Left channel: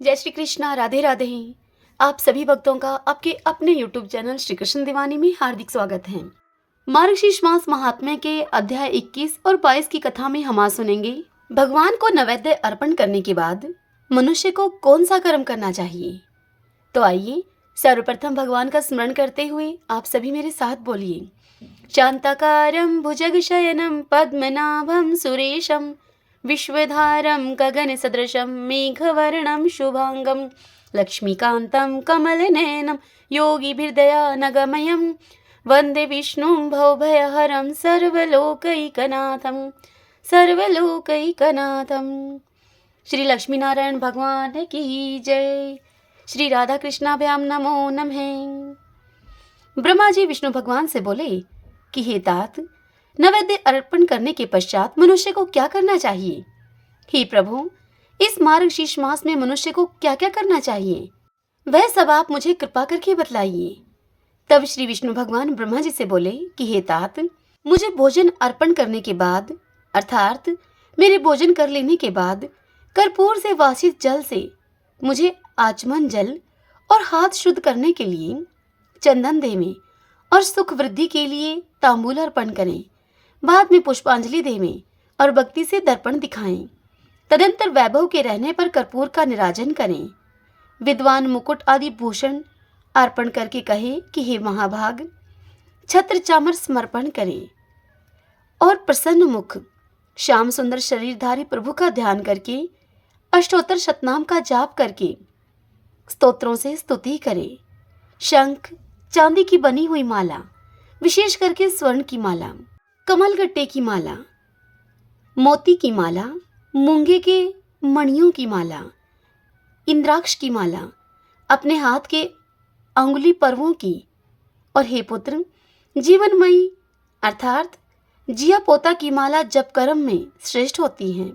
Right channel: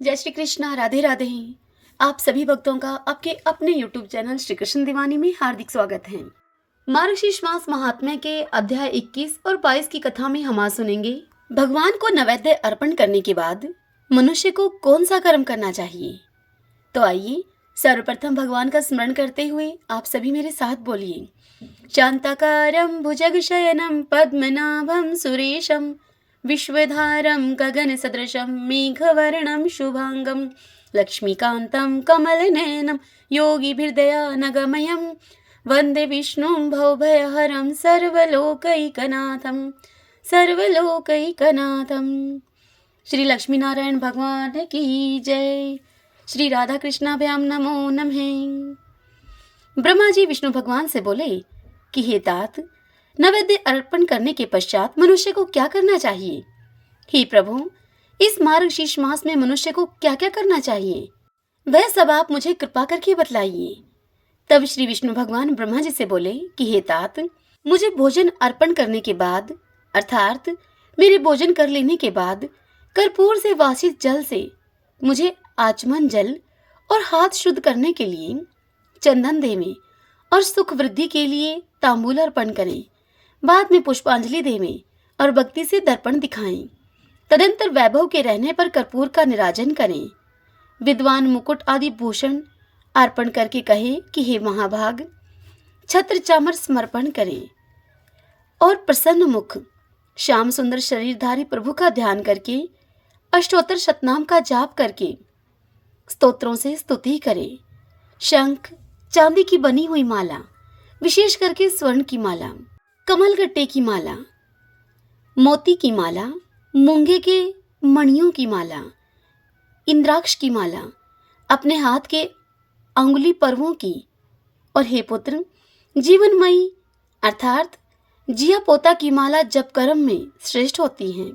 जय श्री कृष्णा, राधे राधे। आप सभी भक्तों का आपके अपने YouTube चैनल श्री कृष्ण दीवानी में हार्दिक स्वागत है। मार्गशीर्ष मास महात्म्य के अध्याय 21 और 22 की कथा में हम आज सुनेंगे भगवान को नैवेद्य अर्पण करने के बाद मनुष्य को कौन सा कर्म करना चाहिए। तो आइए सर्वप्रथम भगवान का स्मरण करते हुए आप सभी मेरे साथ बोलिए। शांताकारं भुजगशयनं पद्मनाभं सुरेशं विश्वधारं गगनसदृशं मेघवर्णं शुभांगं लक्ष्मीकान्तं कमलनयनं योगिभिर्दयानगमयं वन्दे विष्णुं भवभयहरं सर्वलोकैकनाथं। श्री लक्ष्मी नारायण भगवान की जय। श्री राधा कृष्णाभ्याम नमो नमः। ब्रह्मा जी विष्णु भगवान से बोले कि हे तात, नैवेद्य अर्पण करने के पश्चात मनुष्य को क्या करना चाहिए। हे प्रभु, इस मार्गशीर्ष मास में मनुष्य को क्या क्या करना चाहिए, वह सब आप मुझे कृपा करके बतलाइए। तब श्री विष्णु भगवान ब्रह्मा जी से बोले कि हे तात, मुझे भोजन अर्पण करने के बाद अर्थात मेरे भोजन कर लेने के बाद कर्पूर से वासित जल से मुझे आचमन जल और हाथ शुद्ध करने के लिए चंदन देवें और सुख वृद्धि के लिए तांबूल अर्पण करें। बाद में पुष्पांजलि देवें और भक्ति से दर्पण दिखाएं। तदंतर वैभव के रहने पर कर्पूर का निराजन करें। विद्वान मुकुट आदि भूषण अर्पण करके कहे कि हे महाभाग, छत्र चामर समर्पण करें और प्रसन्न मुख श्याम सुंदर शरीरधारी प्रभु का ध्यान करके अष्टोत्तर शतनाम का जाप करके स्तोत्रों से स्तुति करें। शंख चांदी की बनी हुई माला, विशेष करके स्वर्ण की माला, कमलगट्टे की माला, मोती की माला, मूंगे के मणियों की माला, इंद्राक्ष की माला, अपने हाथ के अंगुली पर्वों की, और हे पुत्र, जीवनमयी अर्थात जिया पोता की माला जप कर्म में श्रेष्ठ होती है।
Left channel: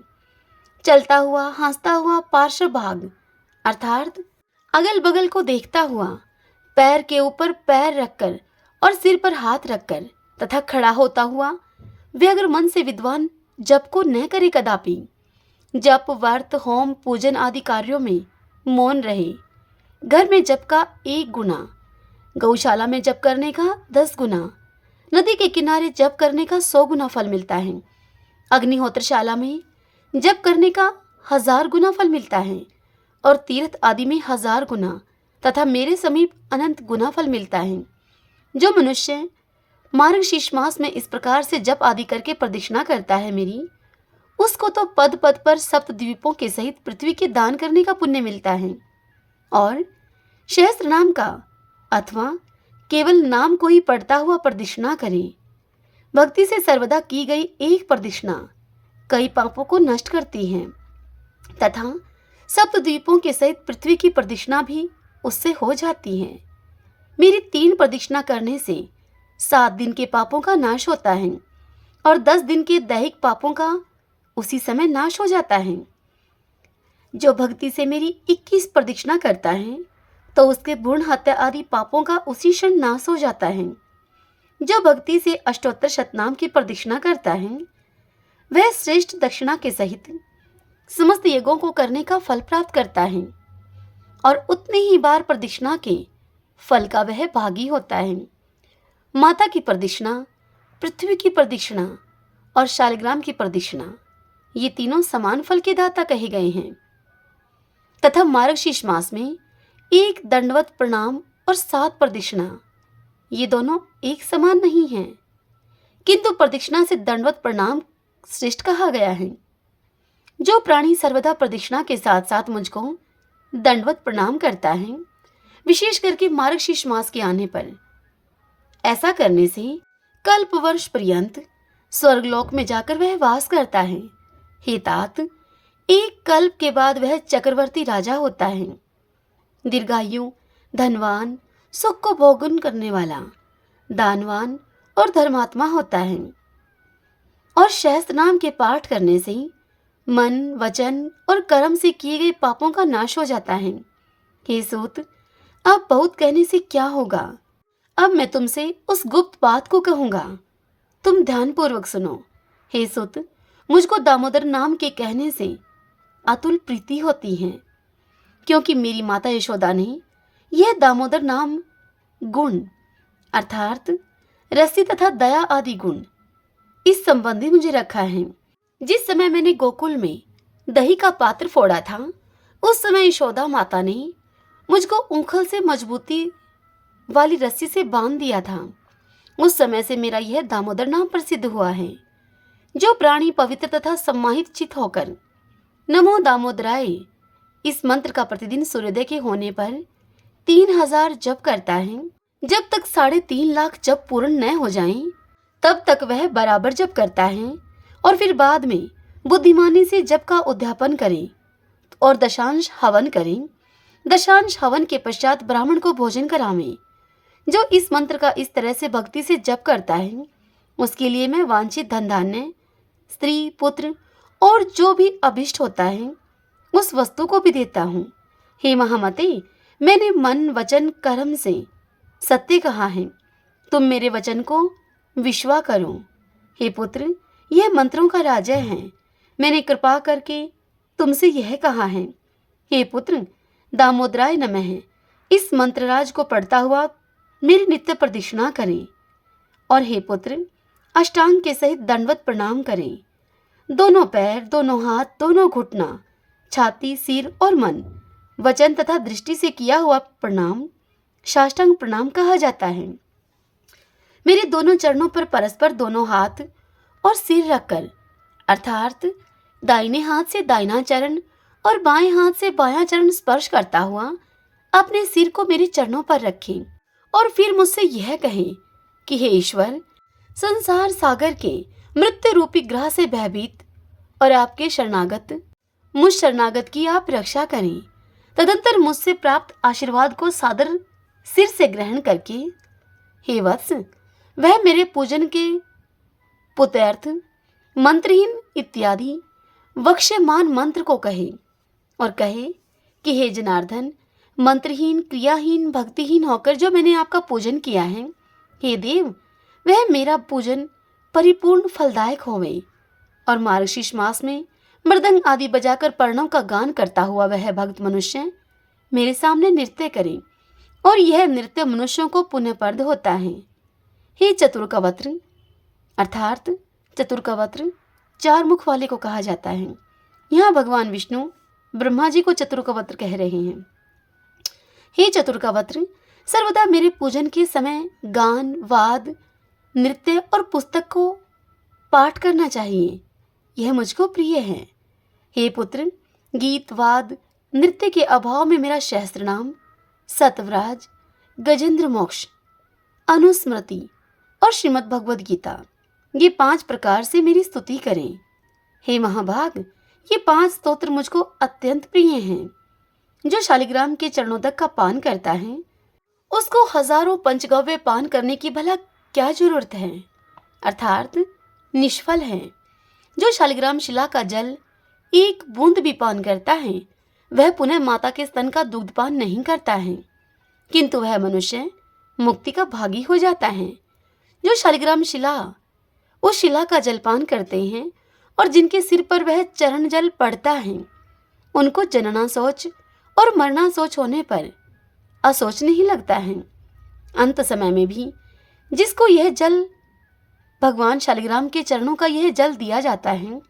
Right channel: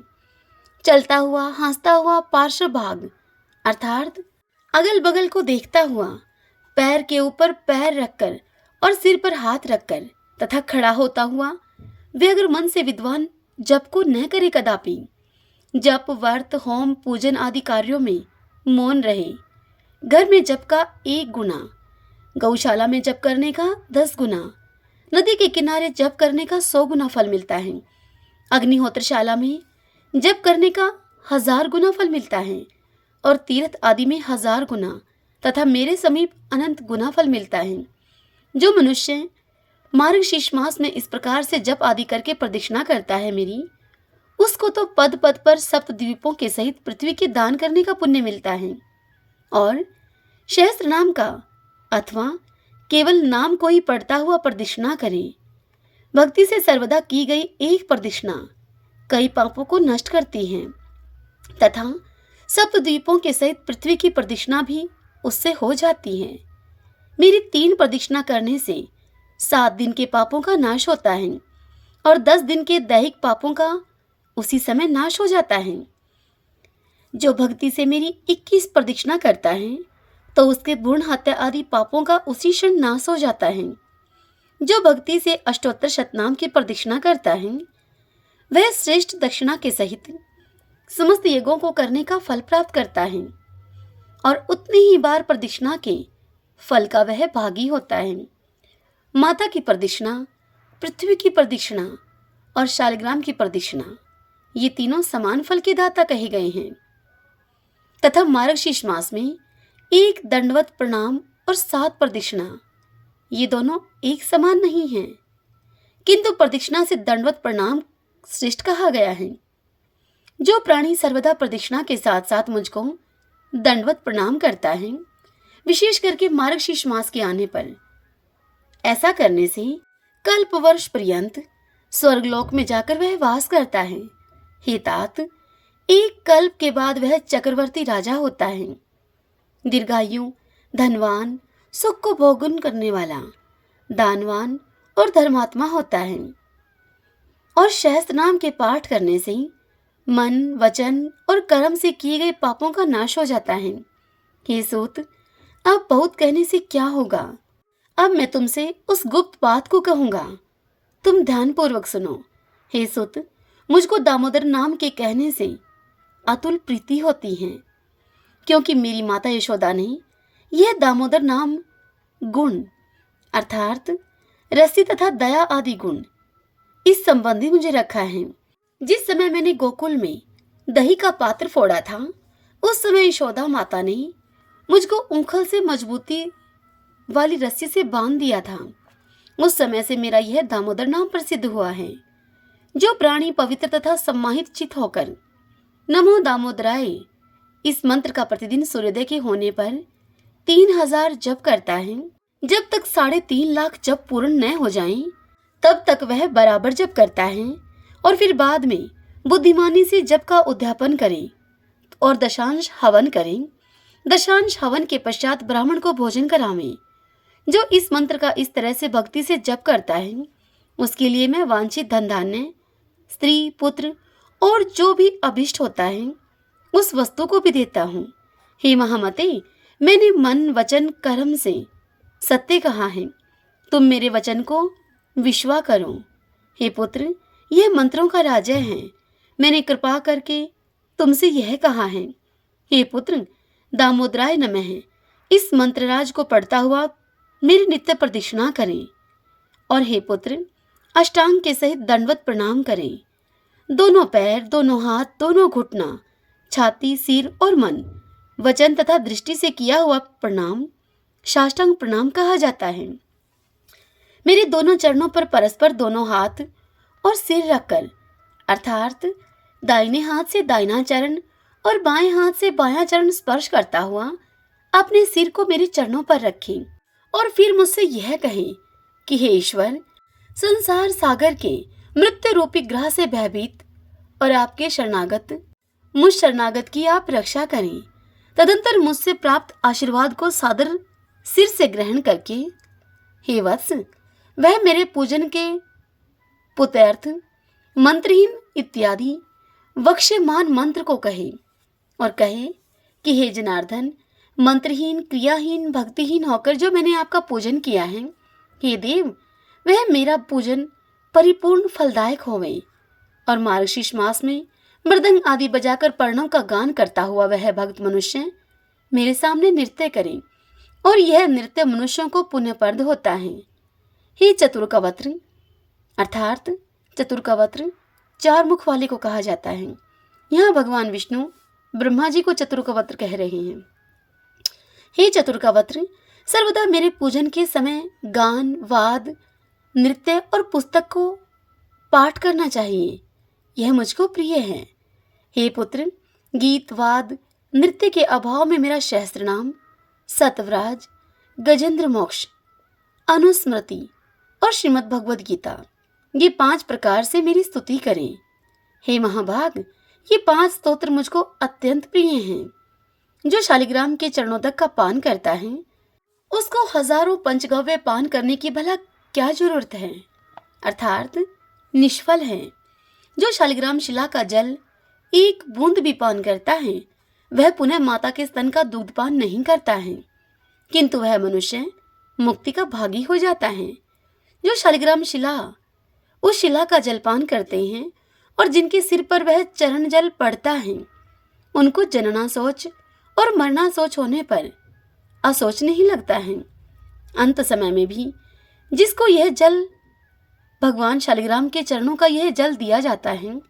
चलता हुआ हंसता हुआ पार्श्व भाग अर्थात अगल बगल को देखता हुआ, पैर के ऊपर पैर रखकर और सिर पर हाथ रखकर तथा खड़ा होता हुआ व्यग्र मन से विद्वान जप को न करे कदापि। जप व्रत होम पूजन आदि कार्यों में मौन रहे। घर में जप का 1 गुना, गौशाला में जप करने का 10 गुना, नदी के किनारे जप करने का 100 गुना फल मिलता है। अग्निहोत्रशाला में जप करने का 1000 गुना फल मिलता है और तीर्थ आदि में 1000 गुना तथा मेरे समीप अनंत गुना फल मिलता है। जो मनुष्य मार्गशीर्ष मास में इस प्रकार से जप आदि करके प्रदक्षिणा करता है मेरी, उसको तो पद पद पर सप्त द्वीपों के सहित पृथ्वी के दान करने का पुण्य मिलता है। और सहस्त्र नाम का अथवा केवल नाम को ही पढ़ता हुआ प्रदक्षिणा करें। भक्ति से सर्वदा की गई एक प्रदक्षिणा कई पापों को नष्ट करती है तथा सप्त द्वीपों के सहित पृथ्वी की प्रदक्षिणा भी उससे हो जाती है। मेरी 3 प्रदक्षिणा करने से 7 दिन के पापों का नाश होता है और 10 दिन के दैहिक पापों का उसी समय नाश हो जाता है। जो भक्ति से मेरी 21 प्रदक्षिणा करता है तो उसके भ्रूण हत्या आदि पापों का उसी क्षण नाश हो जाता है। जो भक्ति से अष्टोत्तर शतनाम की प्रदक्षिणा करता है वह श्रेष्ठ दक्षिणा के सहित समस्त यज्ञों को करने का फल प्राप्त करता है और उतनी ही बार प्रदक्षिणा के फल का वह भागी होता है। माता की प्रदक्षिणा, पृथ्वी की प्रदक्षिणा और शालिग्राम की प्रदक्षिणा, ये तीनों समान फल के दाता कहे गए हैं। तथा मार्गशीर्ष मास में 1 दंडवत प्रणाम और 7 प्रदक्षिणा, ये दोनों एक समान नहीं हैं, किंतु प्रदक्षिणा से दंडवत प्रणाम श्रेष्ठ कहा गया है। जो प्राणी सर्वदा प्रदक्षिणा के साथ साथ मुझको दंडवत प्रणाम करता है, विशेष करके मार्गशीर्ष मास के आने पर, ऐसा करने से कल्प वर्ष पर्यंत स्वर्गलोक में जाकर वह वास करता है। हे तात, 1 कल्प के बाद वह चक्रवर्ती राजा होता है। दीर्घायु, धनवान, सुख को भोगन करने वाला, दानवान और धर्मात्मा होता है। और सहस्त्र नाम के पाठ करने से मन, वचन और कर्म से किए गए पापों का नाश हो जाता है। हे सूत, अब बहुत कहने से क्या होगा, अब मैं तुमसे उस गुप्त बात को कहूंगा, तुम ध्यानपूर्वक सुनो। हे सुत, मुझको दामोदर नाम के कहने से अतुल प्रीति होती है। क्योंकि मेरी माता यशोदा ने यह दामोदर नाम गुण अर्थात रस्सी तथा दया आदि गुण इस संबंधी मुझे रखा है। जिस समय मैंने गोकुल में दही का पात्र फोड़ा था, उस समय यशोदा माता ने मुझको ऊखल से मजबूती वाली रस्सी से बांध दिया था। उस समय से मेरा यह दामोदर नाम प्रसिद्ध हुआ है। जो प्राणी पवित्र तथा सम्मानित चित होकर नमो दामोदराय इस मंत्र का प्रतिदिन सूर्योदय के होने पर 3000 जप करता है, जब तक 3.5 लाख जप पूर्ण न हो जाएं, तब तक वह बराबर जप करता है और फिर बाद में बुद्धिमानी से जप का उद्यापन करें और दशांश हवन करें। दशांश हवन के पश्चात ब्राह्मण को भोजन करावें। जो इस मंत्र का इस तरह से भक्ति से जप करता है, उसके लिए मैं वांछित धन धान्य, स्त्री, पुत्र और जो भी अभिष्ट होता है उस वस्तु को भी देता हूँ। हे महामते, मैंने मन वचन कर्म से सत्य कहा है, तुम मेरे वचन को विश्वास करो। हे पुत्र, यह मंत्रों का राजा है, मैंने कृपा करके तुमसे यह कहा है। हे पुत्र, दामोदराय नमः इस मंत्रराज को पढ़ता हुआ मेरी नित्य प्रदक्षिणा करें। और हे पुत्र, अष्टांग के सहित दंडवत प्रणाम करें। दोनों पैर, दोनों हाथ, दोनों घुटना, छाती, सिर और मन, वचन तथा दृष्टि से किया हुआ प्रणाम साष्टांग प्रणाम कहा जाता है। मेरे दोनों चरणों पर परस्पर दोनों हाथ और सिर रखकर अर्थात दाहिने हाथ से दाहिना चरण और बाएं हाथ से बायां चरण स्पर्श करता हुआ अपने सिर को मेरे चरणों पर रखें और फिर मुझसे यह कहें कि हे ईश्वर, संसार सागर के मृत्यु रूपी ग्रह से भयभीत और आपके मुझ शरणागत की आप रक्षा करें। तदंतर मुझसे प्राप्त आशीर्वाद को सादर सिर से ग्रहण करके हे वत्स, वह मेरे पूजन के पुत्यर्थ मंत्रहीन इत्यादि वक्ष्यमान मंत्र को कहे और कहे कि हे जनार्दन, मंत्रहीन, क्रियाहीन, भक्तिहीन होकर जो मैंने आपका पूजन किया है, हे देव, वह मेरा पूजन परिपूर्ण फलदायक होवे। और मार्गशीर्ष मास में मृदंग आदि बजाकर पर्णों का गान करता हुआ वह भक्त मनुष्य मेरे सामने नृत्य करे और यह नृत्य मनुष्यों को पुण्यप्रद होता है। हे चतुर्कवत्र अर्थात चतुर्कवत्र 4 मुख वाले को कहा जाता है। यहाँ भगवान विष्णु ब्रह्मा जी को चतुर्कवत्र कह रहे हैं। हे चतुर्कवत्र, सर्वदा मेरे पूजन के समय गान, वाद, नृत्य और पुस्तक को पाठ करना चाहिए, यह मुझको प्रिय है। हे पुत्र, गीत, वाद, नृत्य के अभाव में मेरा सहस्त्र नाम, सतव्राज, गजेंद्र मोक्ष, अनुस्मृति और श्रीमद् भगवद गीता, ये 5 प्रकार से मेरी स्तुति करें। हे महाभाग, ये 5 स्तोत्र मुझको अत्यंत प्रिय हैं। जो शालिग्राम के चरणोदक का पान करता है, उसको हजारों पंचगव्य पान करने की भला क्या जरूरत है, अर्थात निष्फल है। जो शालिग्राम शिला का जल 1 बूंद भी पान करता है, वह पुनः माता के स्तन का दूध पान नहीं करता है, किंतु वह मनुष्य मुक्ति का भागी हो जाता है। जो शालिग्राम शिला उस शिला का जलपान करते हैं और जिनके सिर पर वह चरण जल पड़ता है, उनको जनना सोच और मरना सोच होने पर असोच नहीं लगता है। अंत समय में भी जिसको यह जल भगवान शालिग्राम के चरणों का यह जल दिया जाता है,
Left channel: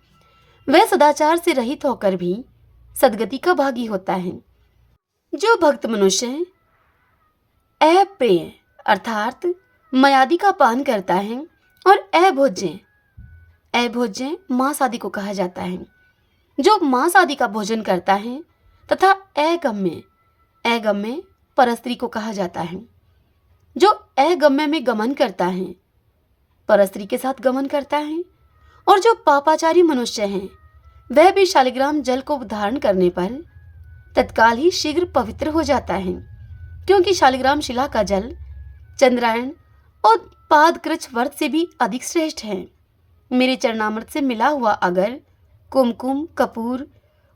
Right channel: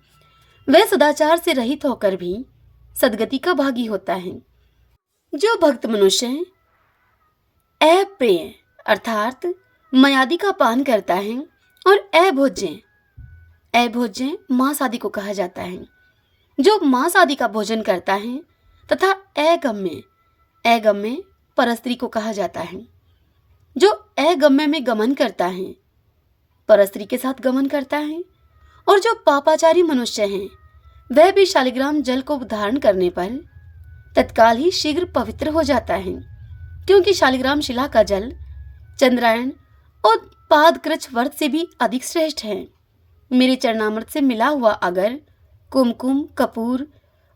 वह सदाचार से रहित होकर भी सदगति का भागी होता है। जो भक्त मनुष्य अप्रिय अर्थात मयादि का पान करता है और अभोज्य मांस आदि को कहा जाता है, जो मांस आदि का भोजन करता है, तथा अगम्य परस्त्री को कहा जाता है। जो अगम्य में गमन करता है, परस्त्री के साथ गमन करता है, और जो पापाचारी मनुष्य हैं, वह भी शालिग्राम जल को धारण करने पर तत्काल ही शीघ्र पवित्र हो जाता है, क्योंकि शालिग्राम शिला का जल चंद्रायण और पादकृच व्रत से भी अधिक श्रेष्ठ है। मेरे चरणामृत से मिला हुआ अगर, कुमकुम, कपूर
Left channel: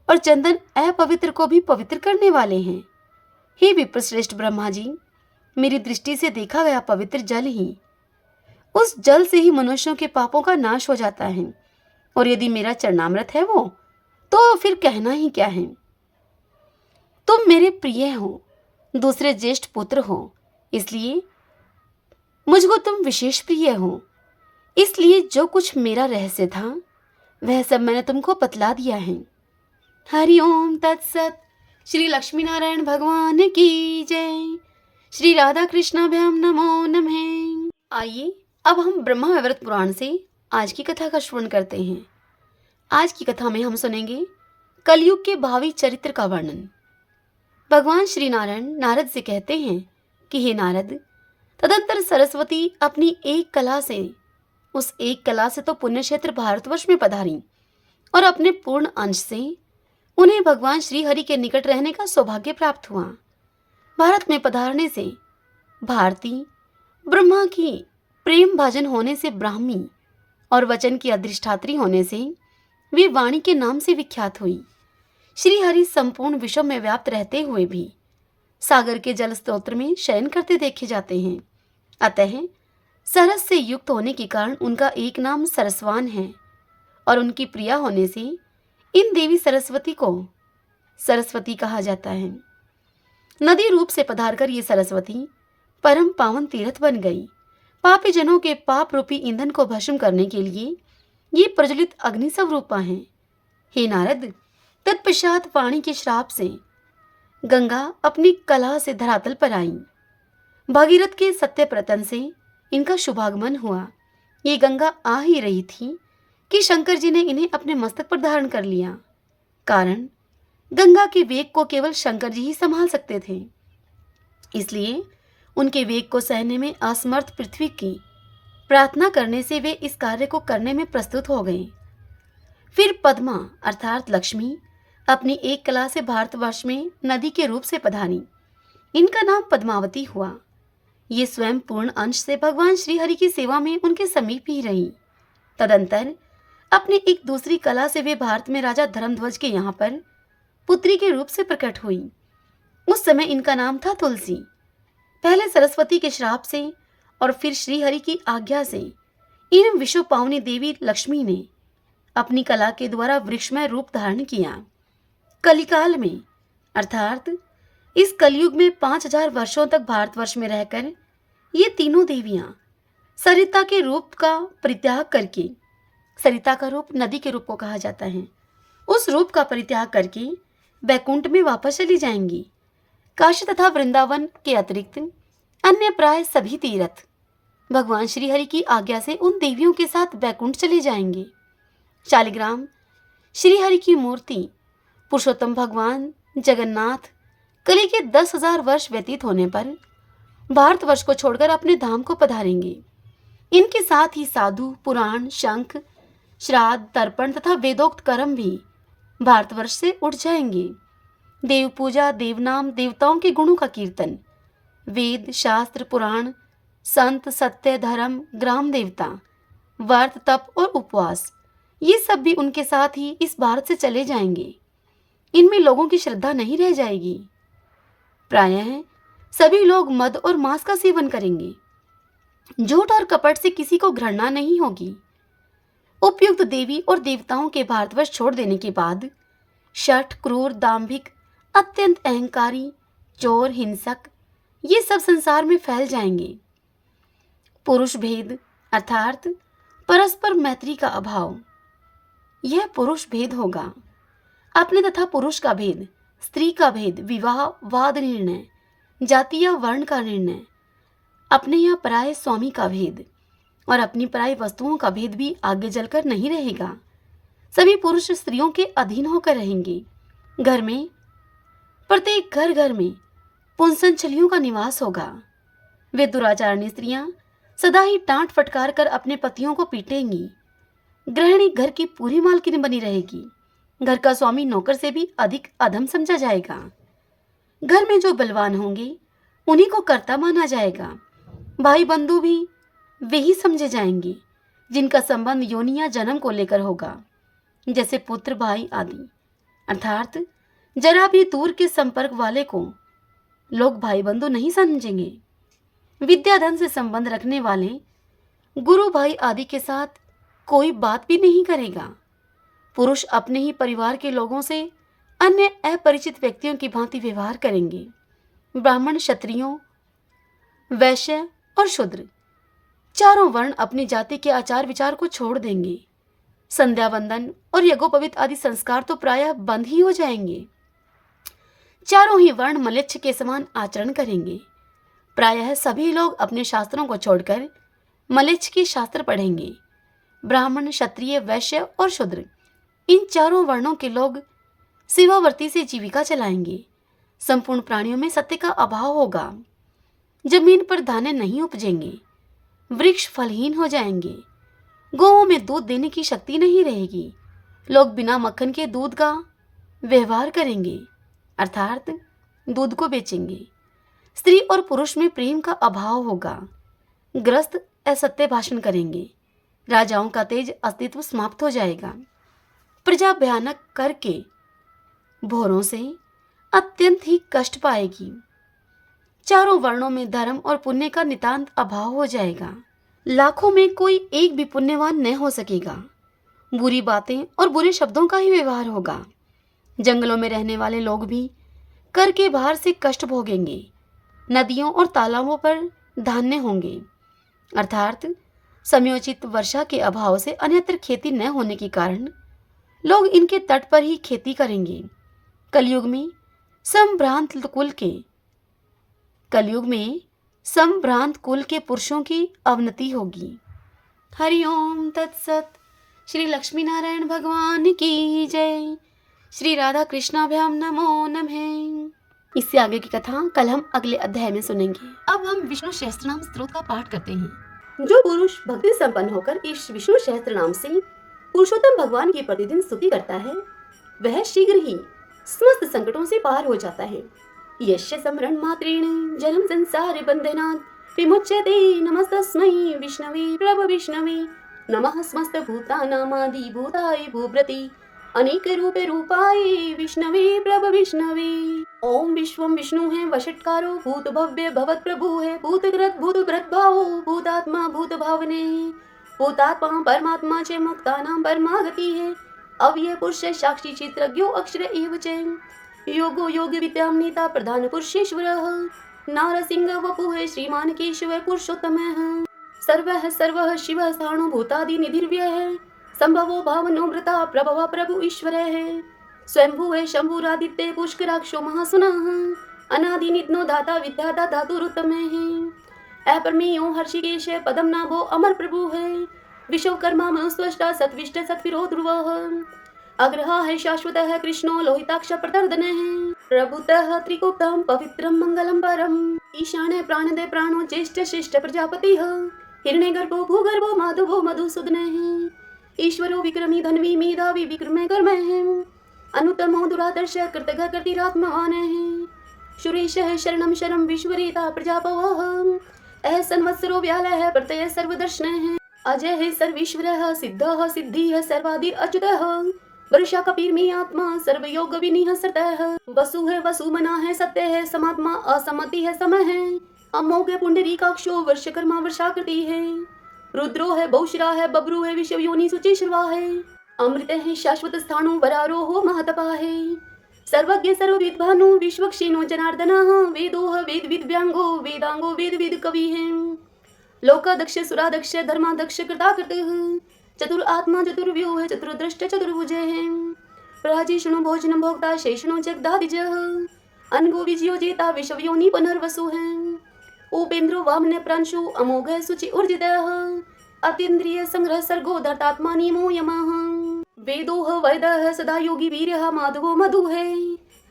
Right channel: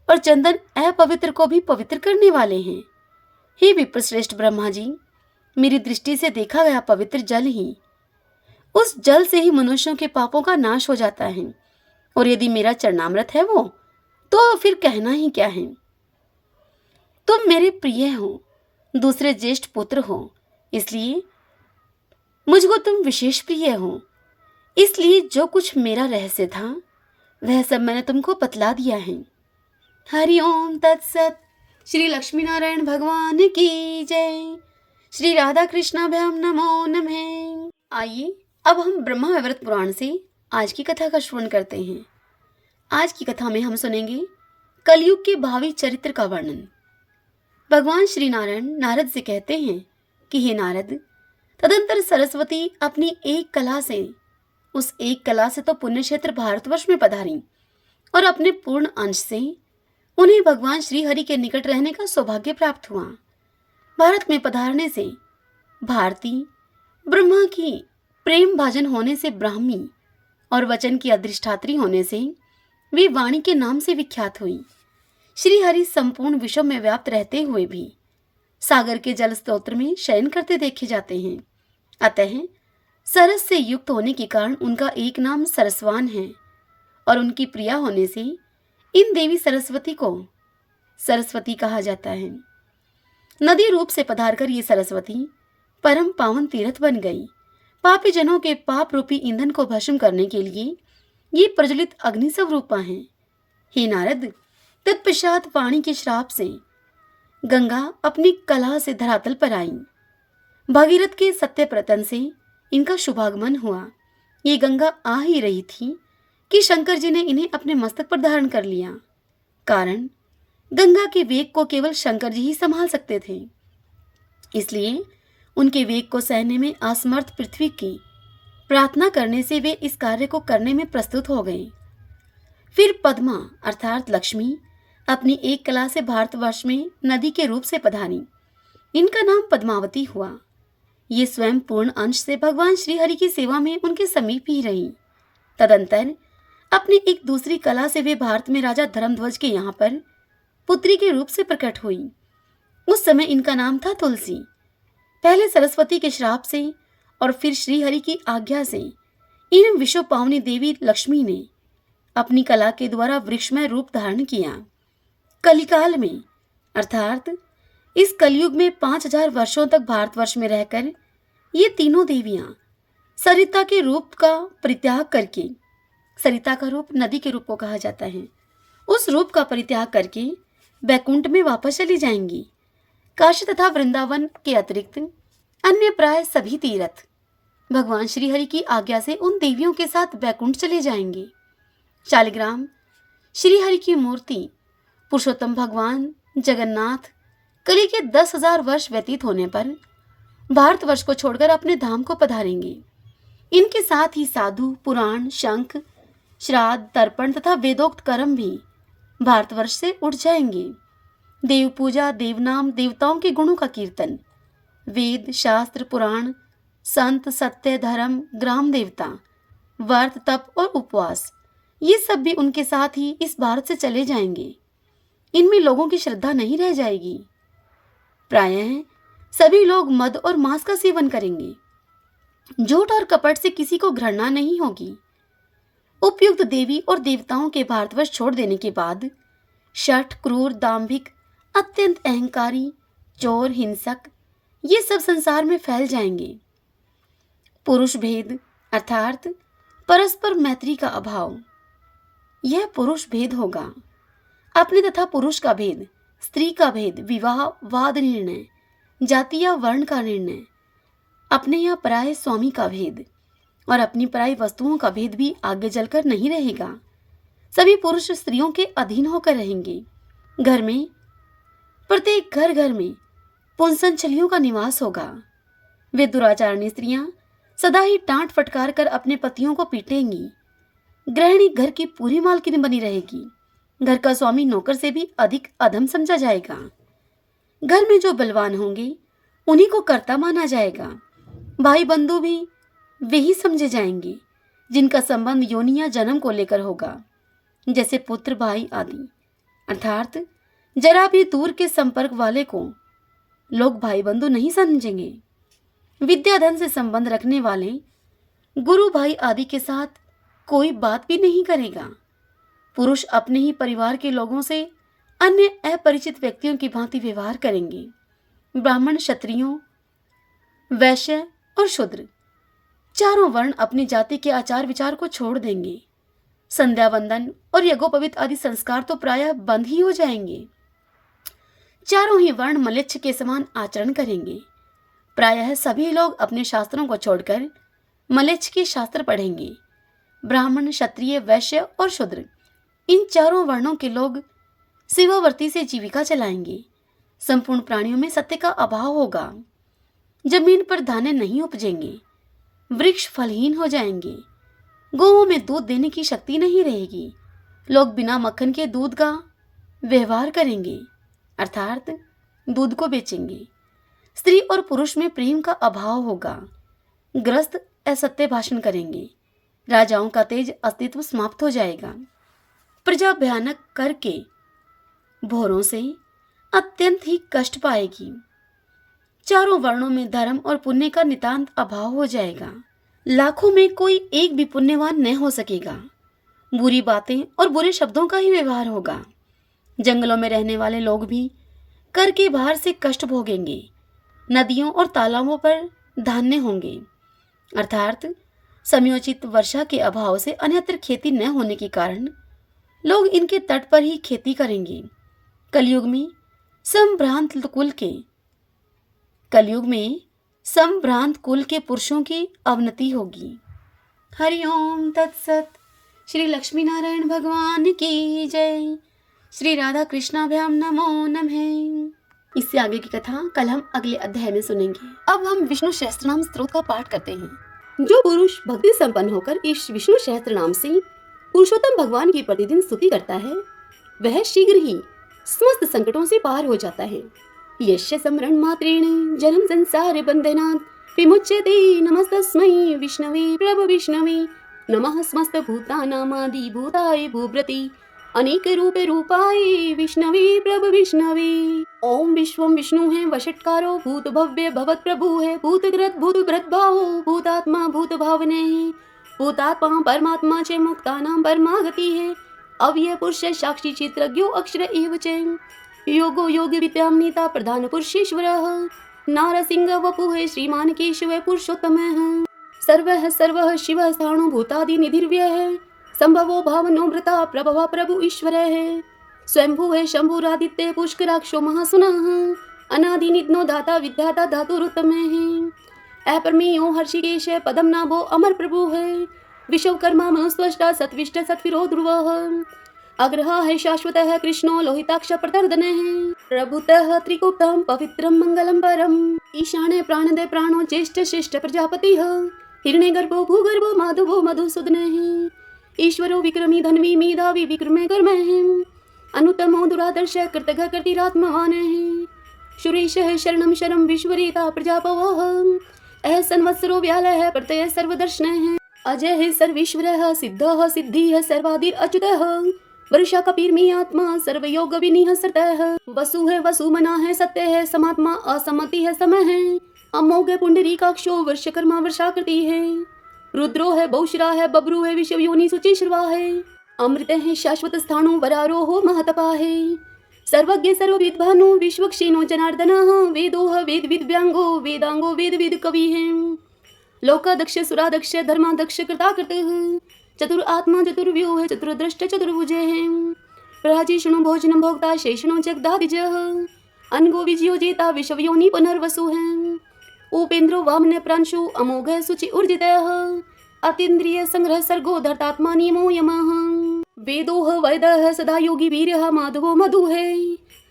और चंदन अपवित्र को भी पवित्र करने वाले हैं। हे विप्रश्रेष्ठ ब्रह्मा जी, मेरी दृष्टि से देखा गया पवित्र जल ही, उस जल से ही मनुष्यों के पापों का नाश हो जाता है, और यदि मेरा चरणामृत है वो, तो फिर कहना ही क्या है। तुम मेरे प्रिय हो, दूसरे ज्येष्ठ पुत्र हो, इसलिए मुझको तुम विशेष प्रिय हो। इसलिए जो कुछ मेरा रहस्य था वह सब मैंने तुमको बतला दिया है। हरि ओम तत्सत। श्री लक्ष्मी नारायण भगवान की जय। श्री राधा कृष्णाभ्याम नमो नमः। आइए अब हम ब्रह्मा वैवर्त पुराण से आज की कथा का श्रवण करते हैं। आज की कथा में हम सुनेंगे कलयुग के भावी चरित्र का वर्णन। भगवान श्री नारायण नारद से कहते हैं कि हे नारद, तदंतर सरस्वती अपनी एक कला से, उस एक कला से तो पुण्य क्षेत्र भारतवर्ष में पधारी और अपने पूर्ण अंश से उन्हें भगवान श्री हरि के निकट रहने का सौभाग्य प्राप्त हुआ। भारत में पधारने से भारती, ब्रह्मा की प्रेम भाजन होने से ब्राह्मी और वचन की अधिष्ठात्री होने से वे वाणी के नाम से विख्यात हुई। श्री हरि संपूर्ण विश्व में व्याप्त रहते हुए भी सागर के जल स्तोत्र में शयन करते देखे जाते हैं। अतः सरस से युक्त होने के कारण उनका एक नाम सरस्वान है और उनकी प्रिया होने से इन देवी सरस्वती को सरस्वती कहा जाता है। नदी रूप से पधारकर ये सरस्वती परम पावन तीर्थ बन गई। पापी जनों के पाप रूपी ईंधन को भस्म करने के लिए ये प्रज्वलित अग्नि स्वरूपा हैं। हे नारद, तत्पश्चात वाणी के श्राप से गंगा अपनी कला से धरातल पर आई। भागीरथ के सत्य प्रतन से इनका शुभागमन हुआ। ये गंगा आ ही रही थी कि शंकर जी ने इन्हें अपने मस्तक पर धारण कर लिया। कारण गंगा के वेग को केवल शंकर जी ही संभाल सकते थे, इसलिए उनके वेग को सहने में असमर्थ पृथ्वी की प्रार्थना करने से वे इस कार्य को करने में प्रस्तुत हो गए। फिर पद्मा अर्थात लक्ष्मी अपनी एक कला से भारतवर्ष में नदी के रूप से पधारी। इनका नाम पद्मावती हुआ। ये स्वयं पूर्ण अंश से भगवान श्री हरि की सेवा में उनके समीप ही रही। तदंतर अपनी एक दूसरी कला से वे भारत में राजा धर्मध्वज के यहाँ पर पुत्री के रूप से प्रकट हुई। उस समय इनका नाम था तुलसी। पहले सरस्वती के श्राप से और फिर श्री हरि की आज्ञा से इन विश्व पावनी देवी लक्ष्मी ने अपनी कला के द्वारा वृक्षमय रूप धारण किया। कलिकाल में अर्थात इस कलयुग में 5000 वर्षों तक भारतवर्ष में रहकर ये तीनों देवियां सरिता के रूप का परित्याग करके, सरिता का रूप नदी के रूप को कहा जाता है, उस रूप का परित्याग करके बैकुंठ में वापस चली जाएंगी। काशी तथा वृंदावन के अतिरिक्त अन्य प्राय सभी तीर्थ भगवान श्री हरि की आज्ञा से उन देवियों के साथ बैकुंठ चले जाएंगे। शालिग्राम श्री हरि की मूर्ति पुरुषोत्तम भगवान जगन्नाथ कली के 10,000 वर्ष व्यतीत होने पर भारतवर्ष को छोड़कर अपने धाम को पधारेंगे। इनके साथ ही साधु, पुराण, शंख, श्राद्ध, तर्पण तथा वेदोक्त कर्म भी भारतवर्ष से उठ जाएंगे। देव पूजा, देवनाम, देवताओं के गुणों का कीर्तन, वेद, शास्त्र, पुराण, संत, सत्य, धर्म, ग्राम देवता, व्रत, तप और उपवास, ये सब भी उनके साथ ही इस भारत से चले जाएंगे। इनमें लोगों की श्रद्धा नहीं रह जाएगी। प्रायः सभी लोग मद और मांस का सेवन करेंगे। झूठ और कपट से किसी को घृणा नहीं होगी। उपयुक्त देवी और देवताओं के भारतवर्ष छोड़ देने के बाद शठ, क्रूर, दाम्भिक, अत्यंत अहंकारी, चोर, हिंसक, ये सब संसार में फैल जाएंगे। पुरुष भेद अर्थात परस्पर मैत्री का अभाव, यह पुरुष भेद होगा। अपने तथा पुरुष का भेद, स्त्री का भेद, विवाह वाद निर्णय, जाति या वर्ण का निर्णय, अपने या पराये स्वामी का भेद और अपनी पराई वस्तुओं का भेद भी आगे जलकर नहीं रहेगा। सभी पुरुष स्त्रियों के अधीन होकर रहेंगे। घर में, प्रत्येक घर घर में पुंसन छलियों का निवास होगा। वे दुराचारणी स्त्रियां सदा ही डांट फटकार कर अपने पतियों को पीटेंगी। गृहिणी घर की पूरी मालकिन बनी रहेगी। घर का स्वामी नौकर से भी अधिक अधम समझा जाएगा। घर में जो बलवान होंगे उन्हीं को कर्ता माना जाएगा। भाई बंधु भी वे ही समझे जाएंगे जिनका संबंध योनि या जन्म को लेकर होगा, जैसे पुत्र, भाई आदि। अर्थात जरा भी दूर के संपर्क वाले को लोग भाई बंधु नहीं समझेंगे। विद्याधन से संबंध रखने वाले गुरु भाई आदि के साथ कोई बात भी नहीं करेगा। पुरुष अपने ही परिवार के लोगों से अन्य अपरिचित व्यक्तियों की भांति व्यवहार करेंगे। ब्राह्मण, क्षत्रियों, वैश्य और शूद्र चारों वर्ण अपनी जाति के आचार विचार को छोड़ देंगे। संध्या वंदन और यज्ञोपवीत आदि संस्कार तो प्रायः बंद ही हो जाएंगे। चारों ही वर्ण मलेच्छ के समान आचरण करेंगे। प्रायः सभी लोग अपने शास्त्रों को छोड़कर मलेच्छ के शास्त्र पढ़ेंगे। ब्राह्मण, क्षत्रिय, वैश्य और शूद्र इन चारों वर्णों के लोग सेवावर्ती से जीविका चलाएंगे। संपूर्ण प्राणियों में सत्य का अभाव होगा। जमीन पर दाने नहीं उपजेंगे। वृक्ष फलहीन हो जाएंगे। गौओं में दूध देने की शक्ति नहीं रहेगी। लोग बिना मक्खन के दूध का व्यवहार करेंगे, अर्थात दूध को बेचेंगे। स्त्री और पुरुष में प्रेम का अभाव होगा। ग्रस्त असत्य भाषण करेंगे। राजाओं का तेज अस्तित्व समाप्त हो जाएगा। प्रजा भयानक करके भोरों से अत्यंत ही कष्ट पाएगी। चारों वर्णों में धर्म और पुण्य का नितांत अभाव हो जाएगा। लाखों में कोई एक भी पुण्यवान न हो सकेगा। बुरी बातें और बुरे शब्दों का ही व्यवहार होगा। जंगलों में रहने वाले लोग भी कर के भार से कष्ट भोगेंगे। नदियों और तालाबों पर धान्य होंगे, अर्थात समयोचित वर्षा के अभाव से अन्यत्र खेती न होने के कारण लोग इनके तट पर ही खेती करेंगे। कलयुग में संभ्रांत कुल के पुरुषों की अवनति होगी। हरिओम तत्सत। श्री लक्ष्मी नारायण भगवान की जय। श्री राधा कृष्णाभ्याम नमो नमः। इससे आगे की कथा कल हम अगले अध्याय में सुनेंगे। अब हम विष्णु सहस्त्रनाम स्तोत्र का पाठ करते हैं। जो पुरुष भक्ति संपन्न होकर इस विष्णु सहस्त्रनाम से पुरुषोत्तम भगवान की प्रतिदिन स्तुति करता है, वह शीघ्र ही समस्त संकटों से पार हो जाता है। यस्य स्मरण मात्रेण जन्म संसार बंधनात् विमुच्यते। नमस्तस्मै विष्णवे प्रभ विष्णवे। नमः समस्त भूतानामादि भूताय भूभृति अनेक रूपे रूपाय विष्णवे प्रभ विष्णवे। ओम विश्वम विष्णु है वषट्कारो भूत भव्य भवत प्रभु है। भूतकृत भूत भृद्भावो भूतात्मा भूत भावने। भूतात्मा परमात्मा च मुक्तानां परमागति है। अव्यय पुरुष साक्षी चित्रज्ञो अक्षर एव च। योगो योग विद्याम नेता प्रधान पुरुषेश्वरः। नारसिंह वपुः श्रीमान केशव पुरुषोत्तमः। सर्वः सर्वः शिवः सानुभूतादि निधिर्व्यः। संभवो भावनो भृता प्रभव प्रभु ईश्वरः। स्वयंभुः शंभुरादित्य पुष्कराक्षो महासुनः। अनादि निधनो दाता विद्याता धातुरुत्तमः। अपरमेयो हर्षिकेश पदम नाभो अमर प्रभु है। विश्वकर्मा मनस्वष्टा सत्विष्ट सत्विरो ध्रुवः। अग्रहा है शाश्वतः कृष्णो लोहिताक्ष प्रतर्दनः। प्रभुतः त्रिकूटं पवित्रं मंगलम परम। ईशाने प्राणदे प्राणो ज्येष्ठ श्रेष्ठ प्रजापतिः। हिरण्यगर्भो भूगर्भो माधवो मधुसूदनः। ईश्वरो विक्रमी धन्वी मेधावी विक्रमे कर्मः। अनुत्तमो दुरादर्श कृतघ कृतिरात्मवानः। सुरेशः शरणं शरं विश्वरेता प्रजापवः। अह संवत्सरो व्यालः प्रत्यय सर्वदर्शनः। अजय सर्वेश्वरः सिद्धः सिद्धिः सर्वादिर अच्युतः। वर्षा कपीर्मी आत्मा सर्वयोग विनिह सतः। वसु है वसुमना है सत्य है समात्मा असमति है समय है। अमोघ पुंडरीकाक्षो वर्षकर्मा वर्षाकृति है। रुद्रो है बहुश्रा है बब्रू है विश्व योनि सुचि श्रवा है। अमृत है शाश्वत स्थाणु वरारोहो महतपा है। सर्वज्ञ सर्वविद्वानो विश्वक्षेणो जनार्दनः। वेदोह वेद विद्व्यांगो वेदांगो वेद विद कवि है। लोकादक्ष सुरादक्ष धर्मादक्ष कृताकृतः। चतुर आत्मा चतुर्व्यूह चतुर्दृष्ट चतुर्भुजे है। प्राजीष्णु भोजन भोक्ता शेषणु जगदादिजः। अनगो विजयो जेता विश्वयोनि पुनर्वसु है। उपेन्द्रो वामन प्रांशु अमोघ सुचि ऊर्जितः। अतीन्द्रिय संग्रह सर्गो धर्तात्मा नियमो यमः। वेदोह वैदः सदा योगी वीर्यः माधवो मधु है।